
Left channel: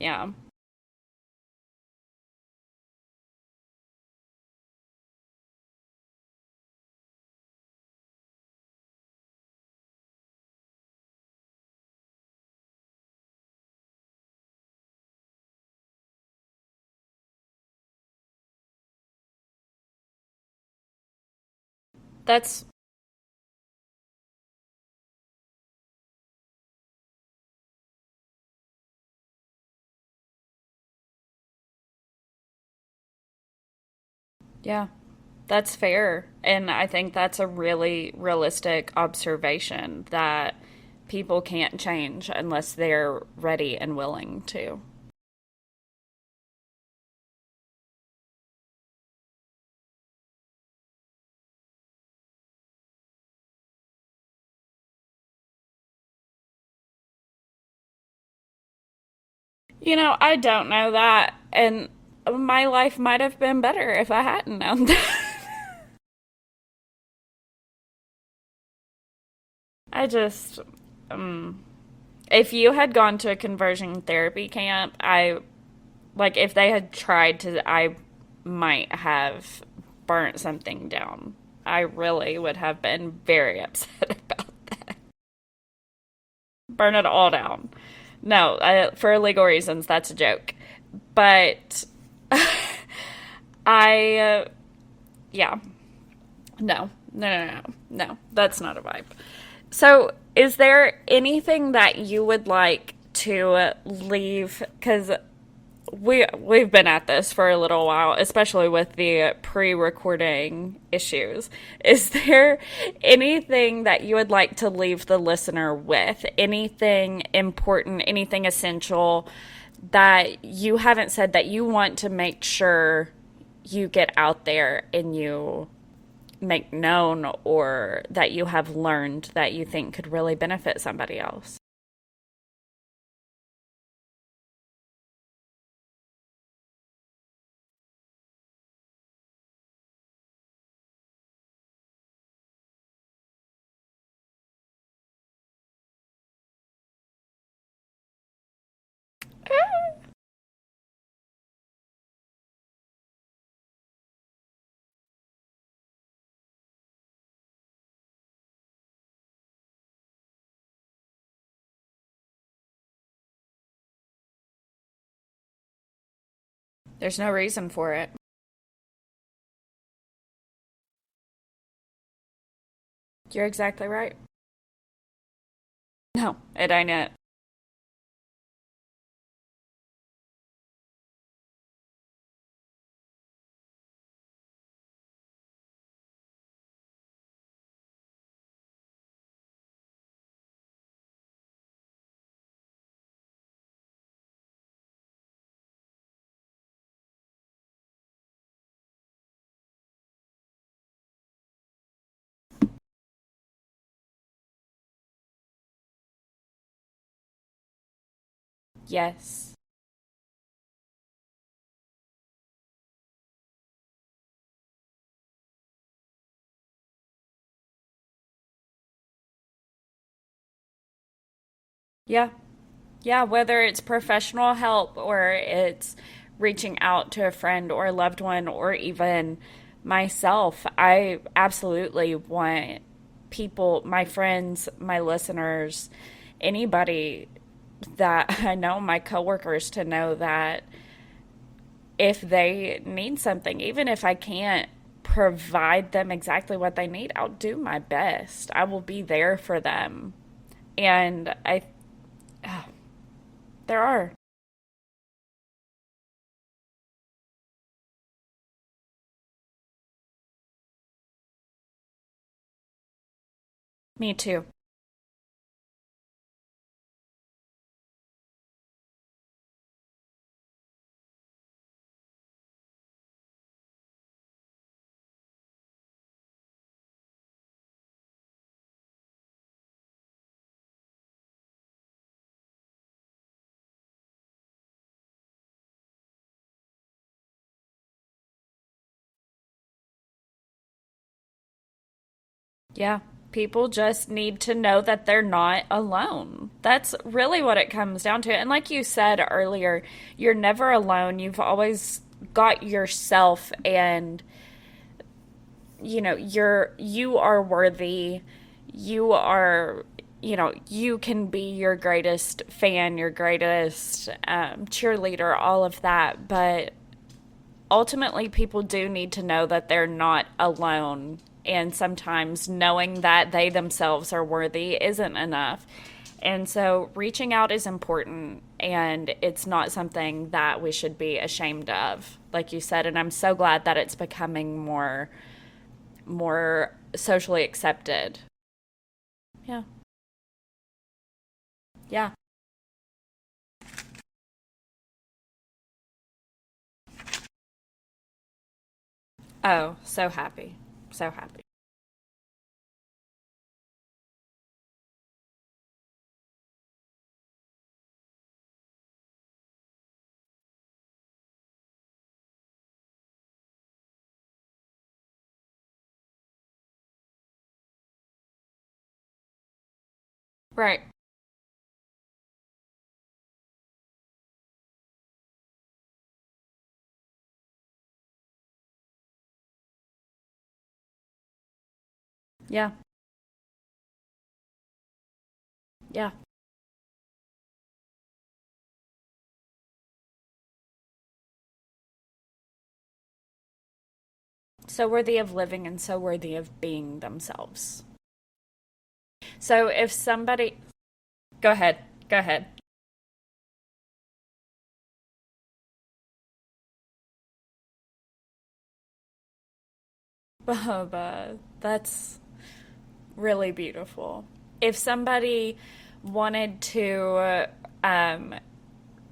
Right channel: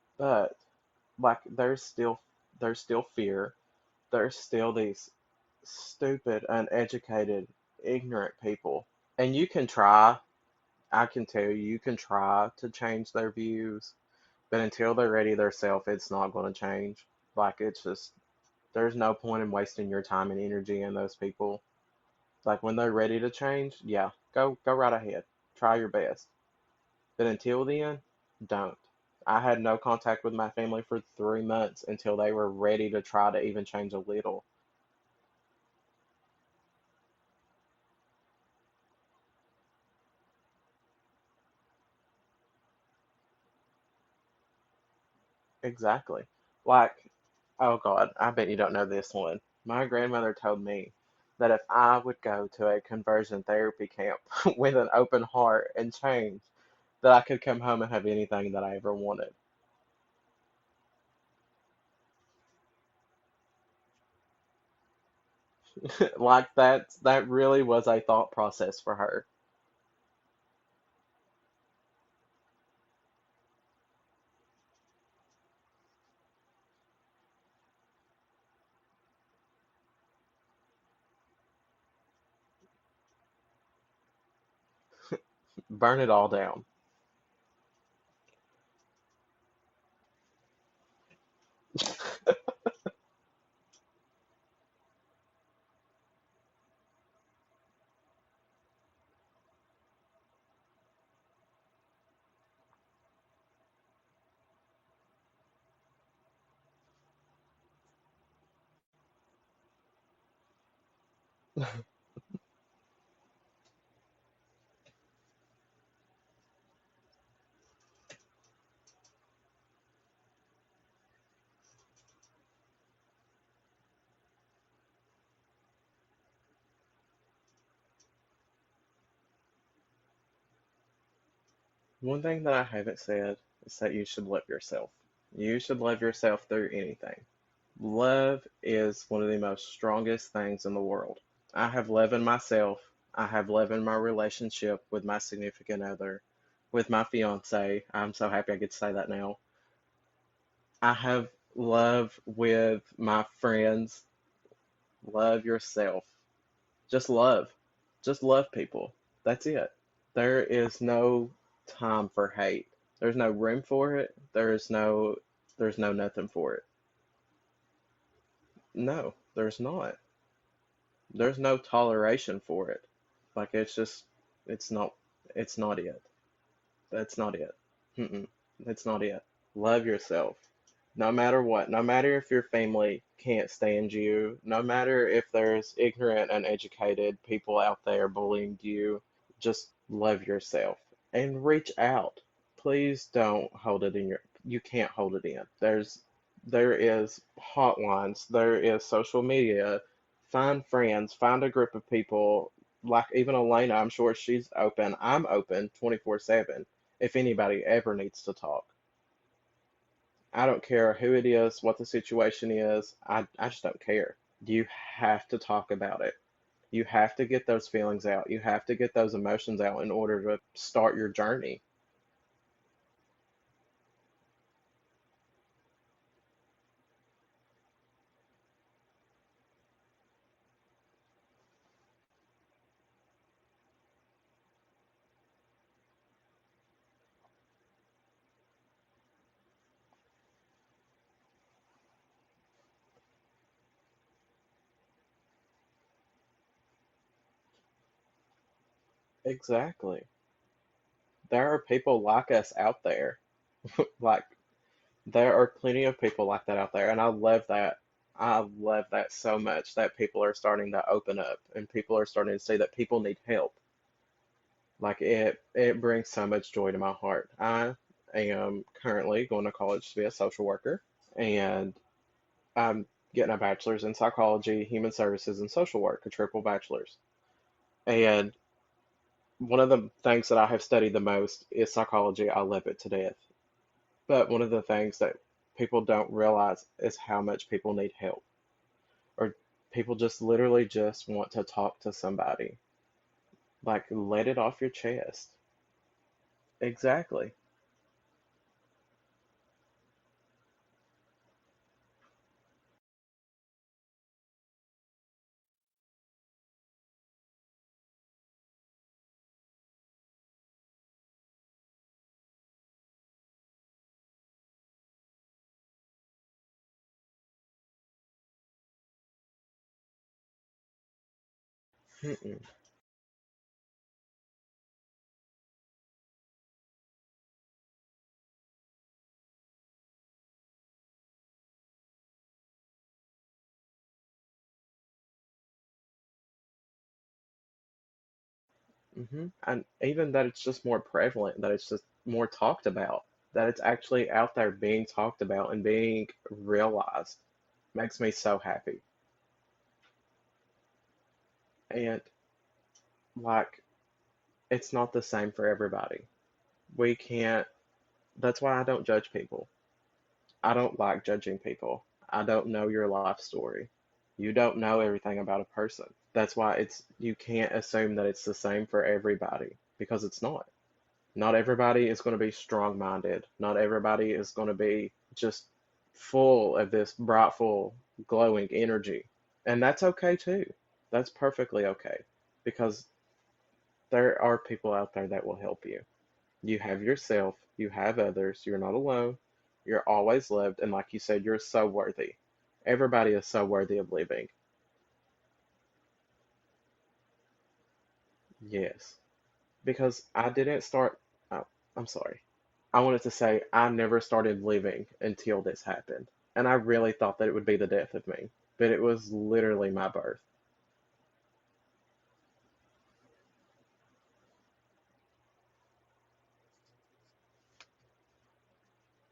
Yeah. But like there's still fear. There's still these stupid, uneducated, ignorant people. And you can try, I can tell you, you can try to change their views, but until they're ready themselves, it's not going to change. Like it's just there's no point in wasting your time and energy in those people. Like That's when they're ready to change, yeah, go right ahead. Try your best. But until then, don't. I had no contact with my family for 3 months until they were ready to try to even change a little. Yeah, that's fair. And I think that's a really realistic observation that people can't change unless they're ready and willing to. Exactly. Like, oh God, I bet you don't know this one. My grandmother told me that if I would go to a conversion therapy camp with an open heart and change, that I could come home and have anything that I ever wanted. I don't know that. And my life might have been better if I hadn't known that. Like that really was a thought process for her. I just, if you had gone to a conversion therapy camp, if they had tried to, I might have burnt something down. I really would have been very upset about that. Burn it all down. Burn it all down. No, for legal reasons, that's a joke. But yeah. No, that's not a vibe. So, is there anything that you would like to leave? Because we've been at this for a little while, especially with the pre-recording issues. Is there anything that you would like to leave the listener with? Anything important, anything essential that you haven't said that you want to make sure you get out there and you make known, or that you have learned that you think could really benefit somebody else? One thing that I haven't said is that you should love yourself. You should love yourself through anything. Love is one of the most strongest things in the world. I have love in myself. I have love in my relationship with my significant other, with my fiance. I'm so happy I get to say that now. I have love with my friends. Love yourself. Just love. Just love people. That's it. There is no time for hate. There's no room for it. There's no nothing for it. There's no reason for it. No, there's not. There's no toleration for it. You're Like it's exactly just right. it's not it's not it. No, it ain't it. It's not it. Mm-mm. It's not it. Love yourself. No matter what. No matter if your family can't stand you. No matter if there's ignorant, uneducated people out there bullying you. Just love yourself and reach out. Please don't hold it in your. You can't hold it in. There is hotlines. There is social media. Find friends. Find a group of people. Like even Elena, I'm sure she's open. I'm open 24/7. If anybody ever needs to talk. Yes. I don't care who it is, what the situation is. I just don't care. You have to talk about it. You have to get those feelings out. You have to get those emotions out in order to start your journey. Yeah. Yeah, whether it's professional help or it's reaching out to a friend or a loved one or even myself, I absolutely want people, my friends, my listeners, anybody that I know, my coworkers, to know that if they need something, even if I can't provide them exactly what they need, I'll do my best. I will be there for Exactly. them. And There are people like us out there. there are. Like there are plenty of people like that out there, and I love that. I love that so much that people are starting to open up and people are starting to see that people need help. Me too. Like it brings so much joy to my heart. I am currently going to college to be a social worker, and I'm getting a bachelor's in psychology, human services, and social work, a triple bachelor's. And one of the things that I have studied the most is psychology. I love it to death. But one of the things that people don't realize is how much people need help, or people just literally just want to talk to somebody. Yeah. People Like, just let need it to off your know that they're chest. not alone. That's Exactly. really what it comes down to. And like you said earlier, you're never alone. You've always got yourself, and you are worthy. You are, you can be your greatest fan, your greatest cheerleader, all of that. But ultimately, people do need to know that they're not alone And sometimes knowing that they themselves are worthy isn't enough. And so reaching out is important, and it's not something that we should be ashamed of, like you said. And I'm so glad that it's becoming more socially accepted. And even that it's just more prevalent, that it's just Yeah. more talked about, that it's actually out there being talked about and being realized makes me so happy. Oh, so happy. So happy. And like, it's not the same for everybody. We can't, that's why I don't judge people. I don't like judging people. I don't know your life story. You don't know everything about a person. That's why you can't assume that it's the same for everybody, because it's not. Right. Not everybody is going to be strong-minded. Not everybody is going to be just full of this brightful, glowing energy. And that's okay too. That's perfectly okay, Yeah. because there are people out there that will help you. Yeah. You have yourself, you have others, you're not alone, you're always loved, and like you said, you're so worthy. Everybody is so worthy of living. So worthy of living and so worthy of being themselves. Yes. So if Because I somebody, didn't start, go ahead. I'm sorry. Go ahead. I wanted to say I never started living until this happened. And I really thought that it would be the death of me, but it was literally my birth. Bubba, that's really beautiful. If somebody wanted to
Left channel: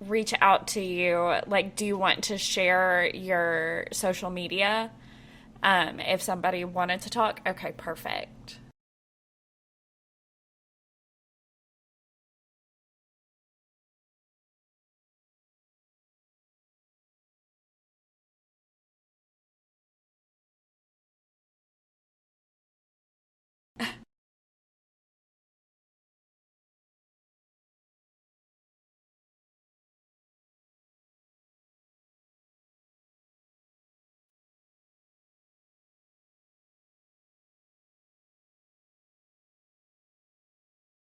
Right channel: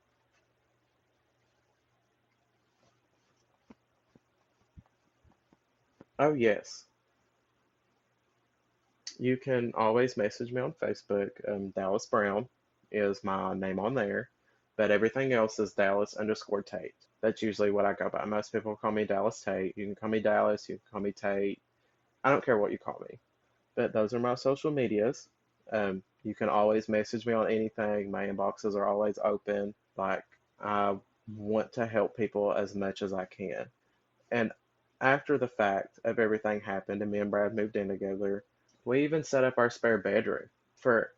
reach out to you, like, do you want to share your social media? If Oh, somebody yes. wanted to talk? Okay, perfect. You can always message me on Facebook. Dallas Brown is my name on there, but everything else is Dallas_Tate. That's usually what I go by. Most people call me Dallas Tate. You can call me Dallas, you can call me Tate. I don't care what you call me. But those are my social medias. You can always message me on anything. My inboxes are always open. Like, I want to help people as much as I can. And after the fact of everything happened and me and Brad moved in together, we even set up our spare bedroom for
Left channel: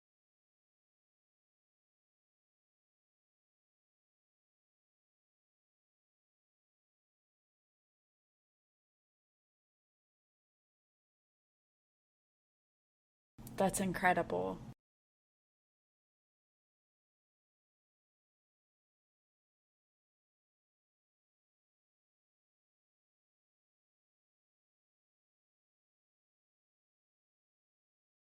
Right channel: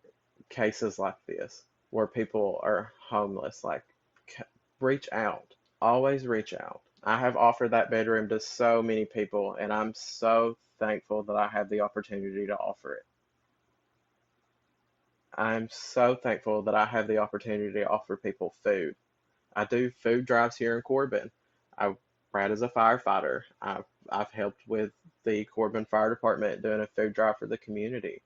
cases like this where people are homeless. Like, reach out. Always reach out. I have offered that bedroom to so many people, and I'm so thankful that I have the opportunity to offer it. That's incredible. I'm so thankful that I have the opportunity to offer people food. I do food drives here in Corbin. Brad is a firefighter. I've helped with the Corbin Fire Department doing a food drive for the community.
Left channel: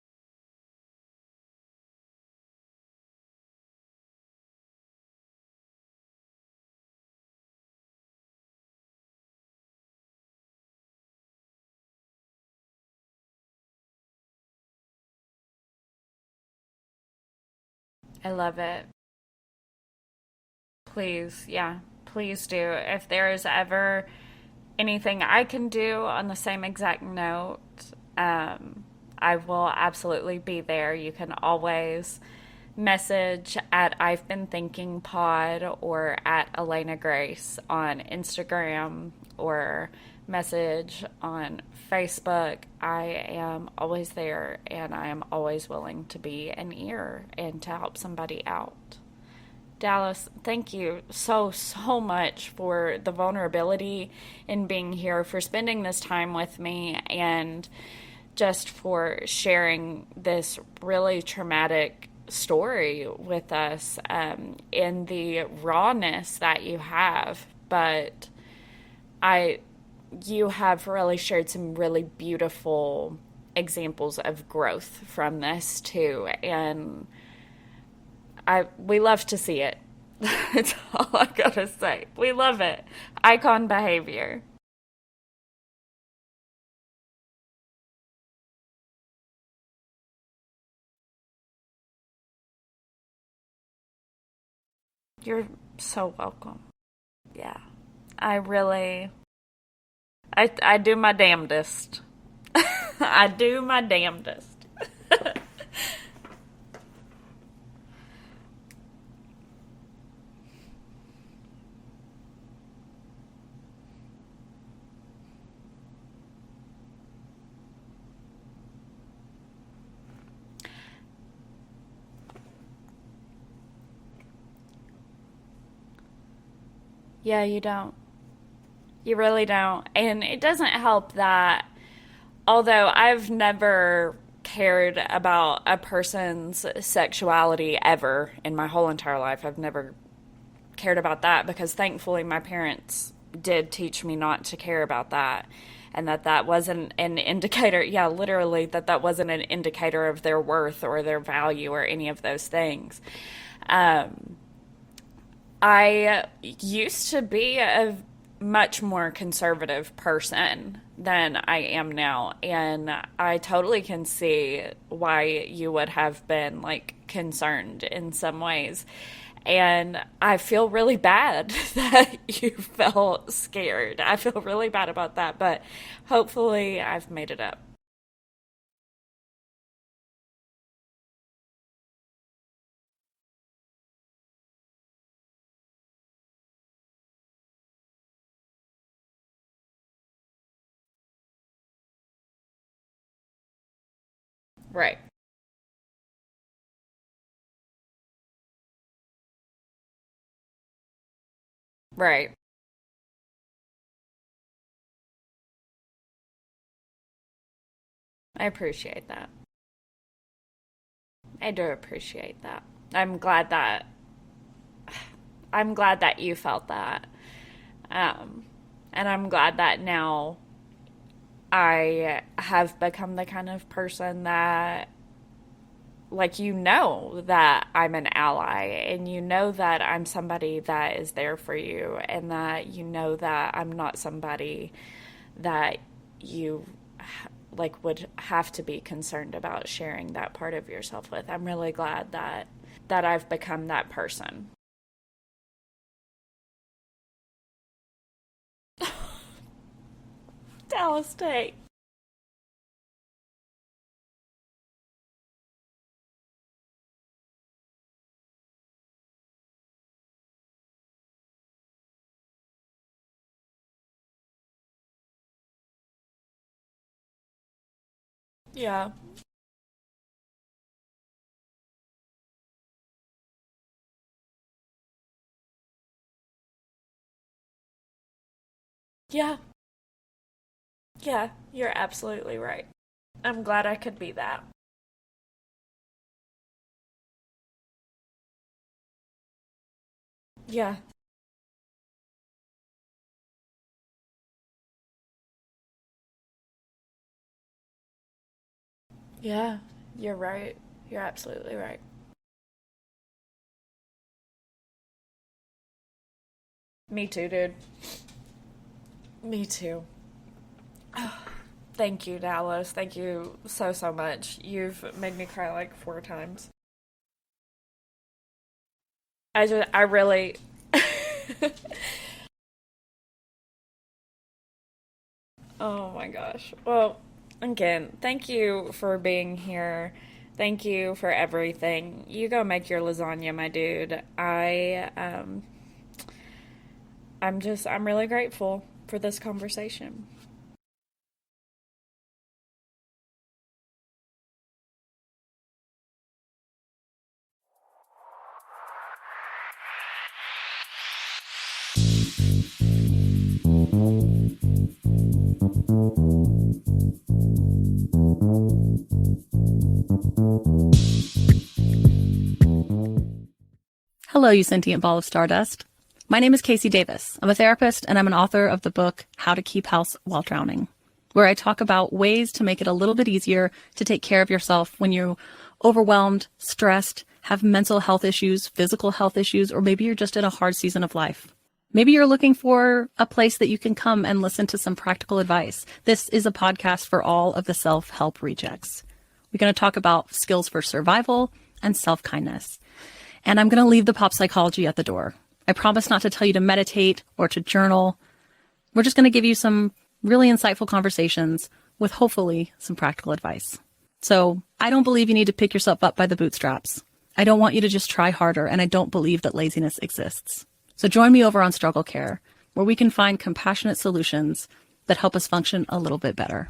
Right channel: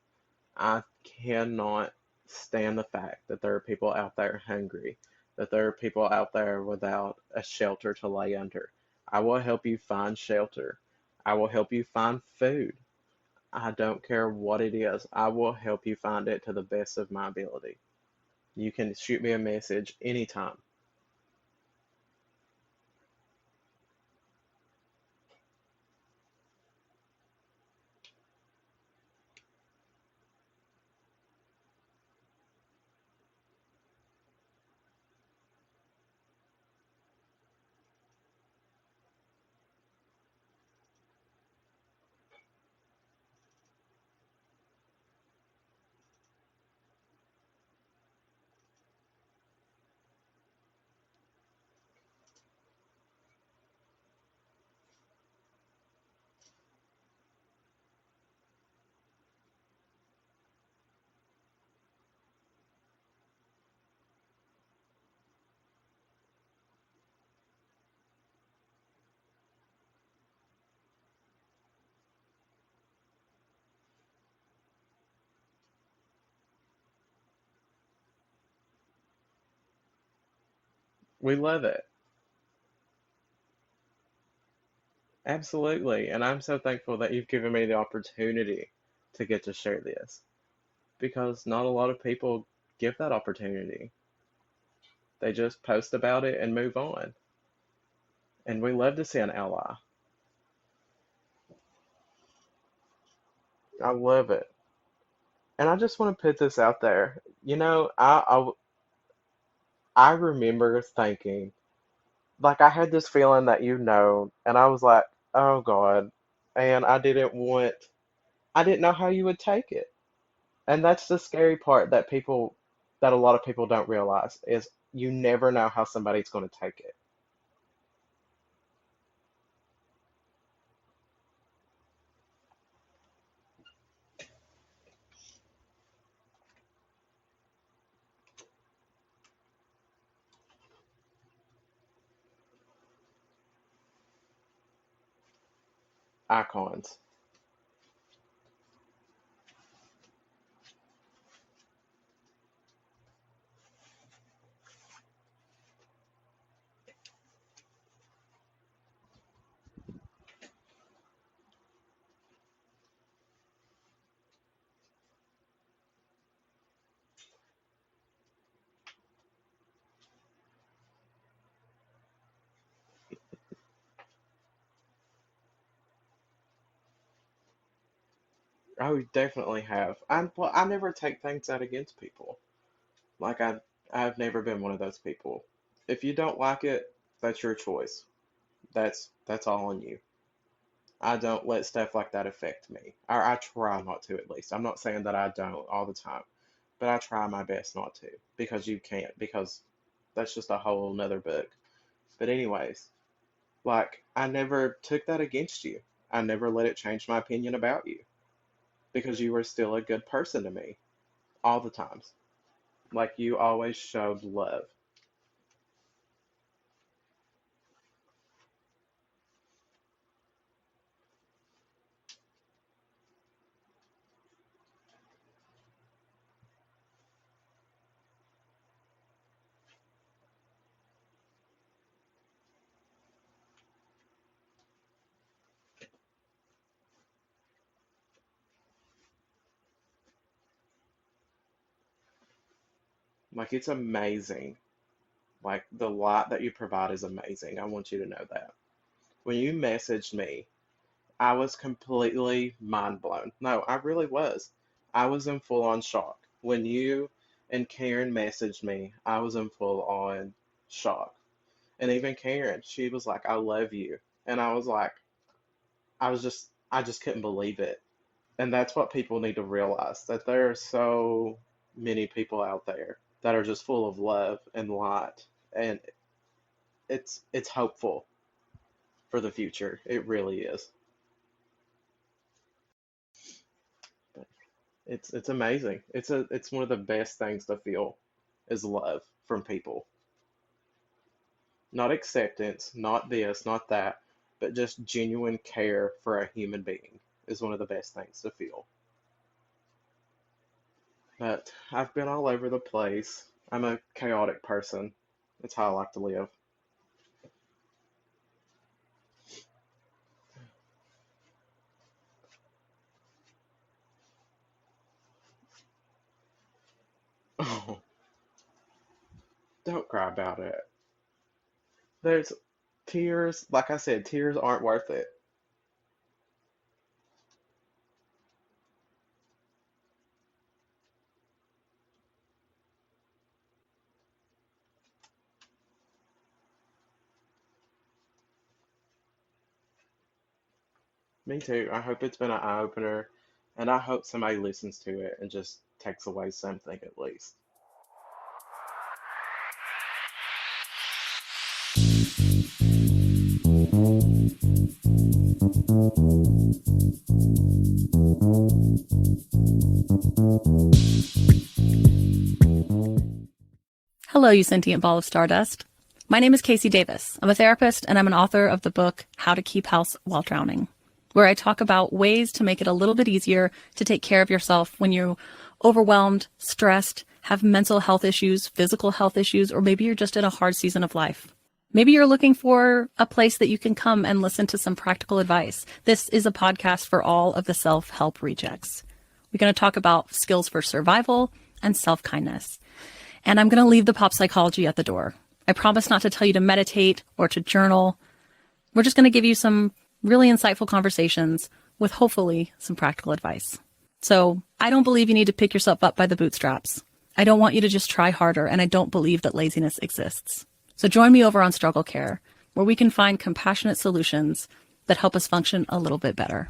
I cannot stand the fact that there are people out there hungry, that there are people out there without a shelter to lay under. I will help you find shelter. I will help you find food. I don't care what it is. I will help you find it to the best of my ability. I love You it. can shoot me a message anytime. Please, yeah, please do. If there is ever anything I can do on the same exact note, I will absolutely be there. You can always message at I've Been Thinking Pod or at Elena Grace on Instagram, or message on Facebook. I am always there, and I am always willing to be an ear and to help somebody out. Dallas, thank you so much for the vulnerability in being here, for spending this time with me, and just for sharing this really traumatic story with us, in the rawness that you have. But you have really shared some really beautiful examples of growth from this too, and we love to see it. That's all I gotta say. We love it. Icon behavior. Absolutely. And I'm so thankful that you've given me the opportunity to get to share this, because not a lot of people give that opportunity. They You're just post so about it and welcome. move on. Yeah. I And we love really, to see an ally. I do my damnedest. I do my I love damnedest. it. And I just want to put this out there. You know, I remember thinking, like, I had this feeling that and I was like, oh God. And I didn't know how you would take it. And that's the scary part that a lot of people don't realize, is you never know how somebody's going to take it. Yeah, you don't. You really don't. And it doesn't help that although I've never cared about a person's sexuality ever in my whole entire life. I've never cared about that because thankfully my parents did teach me not to care about that, and that wasn't an indicator, literally that wasn't an indicator of their worth or their value or any of those things. I used to be a much more conservative person than I am now, and I totally can see why you would have been like concerned in some ways. And I feel really bad that you felt scared. I feel really bad about that, but hopefully I've made it up. Oh, you definitely have. I never take things out against people. Like I've never been one of those people. If you don't like it, that's your choice. That's all on you. I don't let stuff like that affect me. I try not to, at least. I'm not Right. saying that I don't all the time, but I try my best not to, because you can't, because that's just a whole nother book. But Right. anyways, like I never took that against you. I never let it change my opinion about you, I appreciate because that. you were still a good person to me I all do the time. appreciate that. Like I'm you glad always that showed love. I'm glad that you felt that. And I'm glad that now I have become the kind of person that, like, that I'm an ally, and that I'm somebody that is there for you, and that that I'm not somebody that you like would have to be concerned about sharing that part of yourself with. I'm really glad that I've Like become it's that person. amazing. Like the light that you provide is amazing. I want you to know that. When you messaged me, Dallas, I Tate. was completely mind blown. No, I really was. I was in full on shock. When you and Karen messaged me, I was in full on shock. And even Karen, she was like, "I love you." And I was like, I just couldn't believe it. And that's Yeah. what people need to realize, that there are so many people out there that are just full of love and light, and it's hopeful for the Yeah. future. It really is. Yeah. You're absolutely right. I'm glad I could be that. It's amazing. It's one of the best things to feel is love from people. Yeah. Not acceptance, not this, not that, but just genuine care for a human being is one of the best things to feel. Yeah. You're right. You're But absolutely right. I've been all over the place. I'm a chaotic person. That's how I like to live. Me too, dude. Me too. Thank you, Dallas. Thank you so, so much. You've made me cry like 4 times. Oh, I don't cry really, about it. There's tears, like I said, tears aren't worth it. oh my gosh. Well, again, thank you for being here. Thank you for everything. You go make your lasagna, my dude. I'm really grateful for this conversation. Me too. I hope it's been an eye opener, and I hope somebody listens to it and just takes away something at least. Hello, you sentient ball of stardust. My name is Casey Davis. I'm a therapist, and I'm an author of the book How to Keep House While Drowning, where I talk about ways to make it a little bit easier to take care of yourself when you're overwhelmed, stressed, have mental health issues, physical health issues, or maybe you're just in a hard season of life. Maybe you're looking for a place that you can come and listen to some practical advice. This is a podcast for all of the self-help rejects. We're going to talk about skills for survival and self-kindness. And I'm going to leave the pop psychology at the door. I promise not to tell you to meditate or to journal. We're just going to give you some really insightful conversations with hopefully some practical advice. So I don't believe you need to pick yourself up by the bootstraps. I don't want you to just try harder, and I don't believe that laziness exists. So join me over on Struggle Care, where we can find compassionate solutions that help us function a little bit better.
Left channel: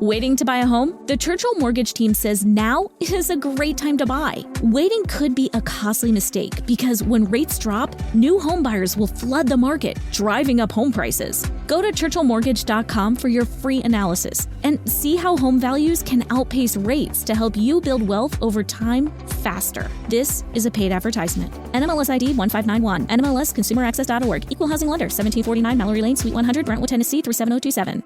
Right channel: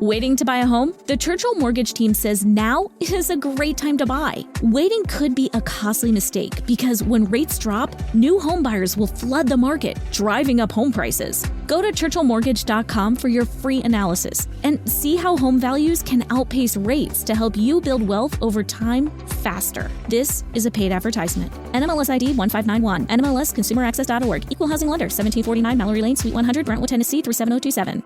Waiting to buy a home? The Churchill Mortgage team says now is a great time to buy. Waiting could be a costly mistake because when rates drop, new home buyers will flood the market, driving up home prices. Go to churchillmortgage.com for your free analysis and see how home values can outpace rates to help you build wealth over time faster. This is a paid advertisement. NMLS ID 1591, NMLS ConsumerAccess.org, Equal Housing Lender, 1749 Mallory Lane, Suite 100, Brentwood, Tennessee 37027.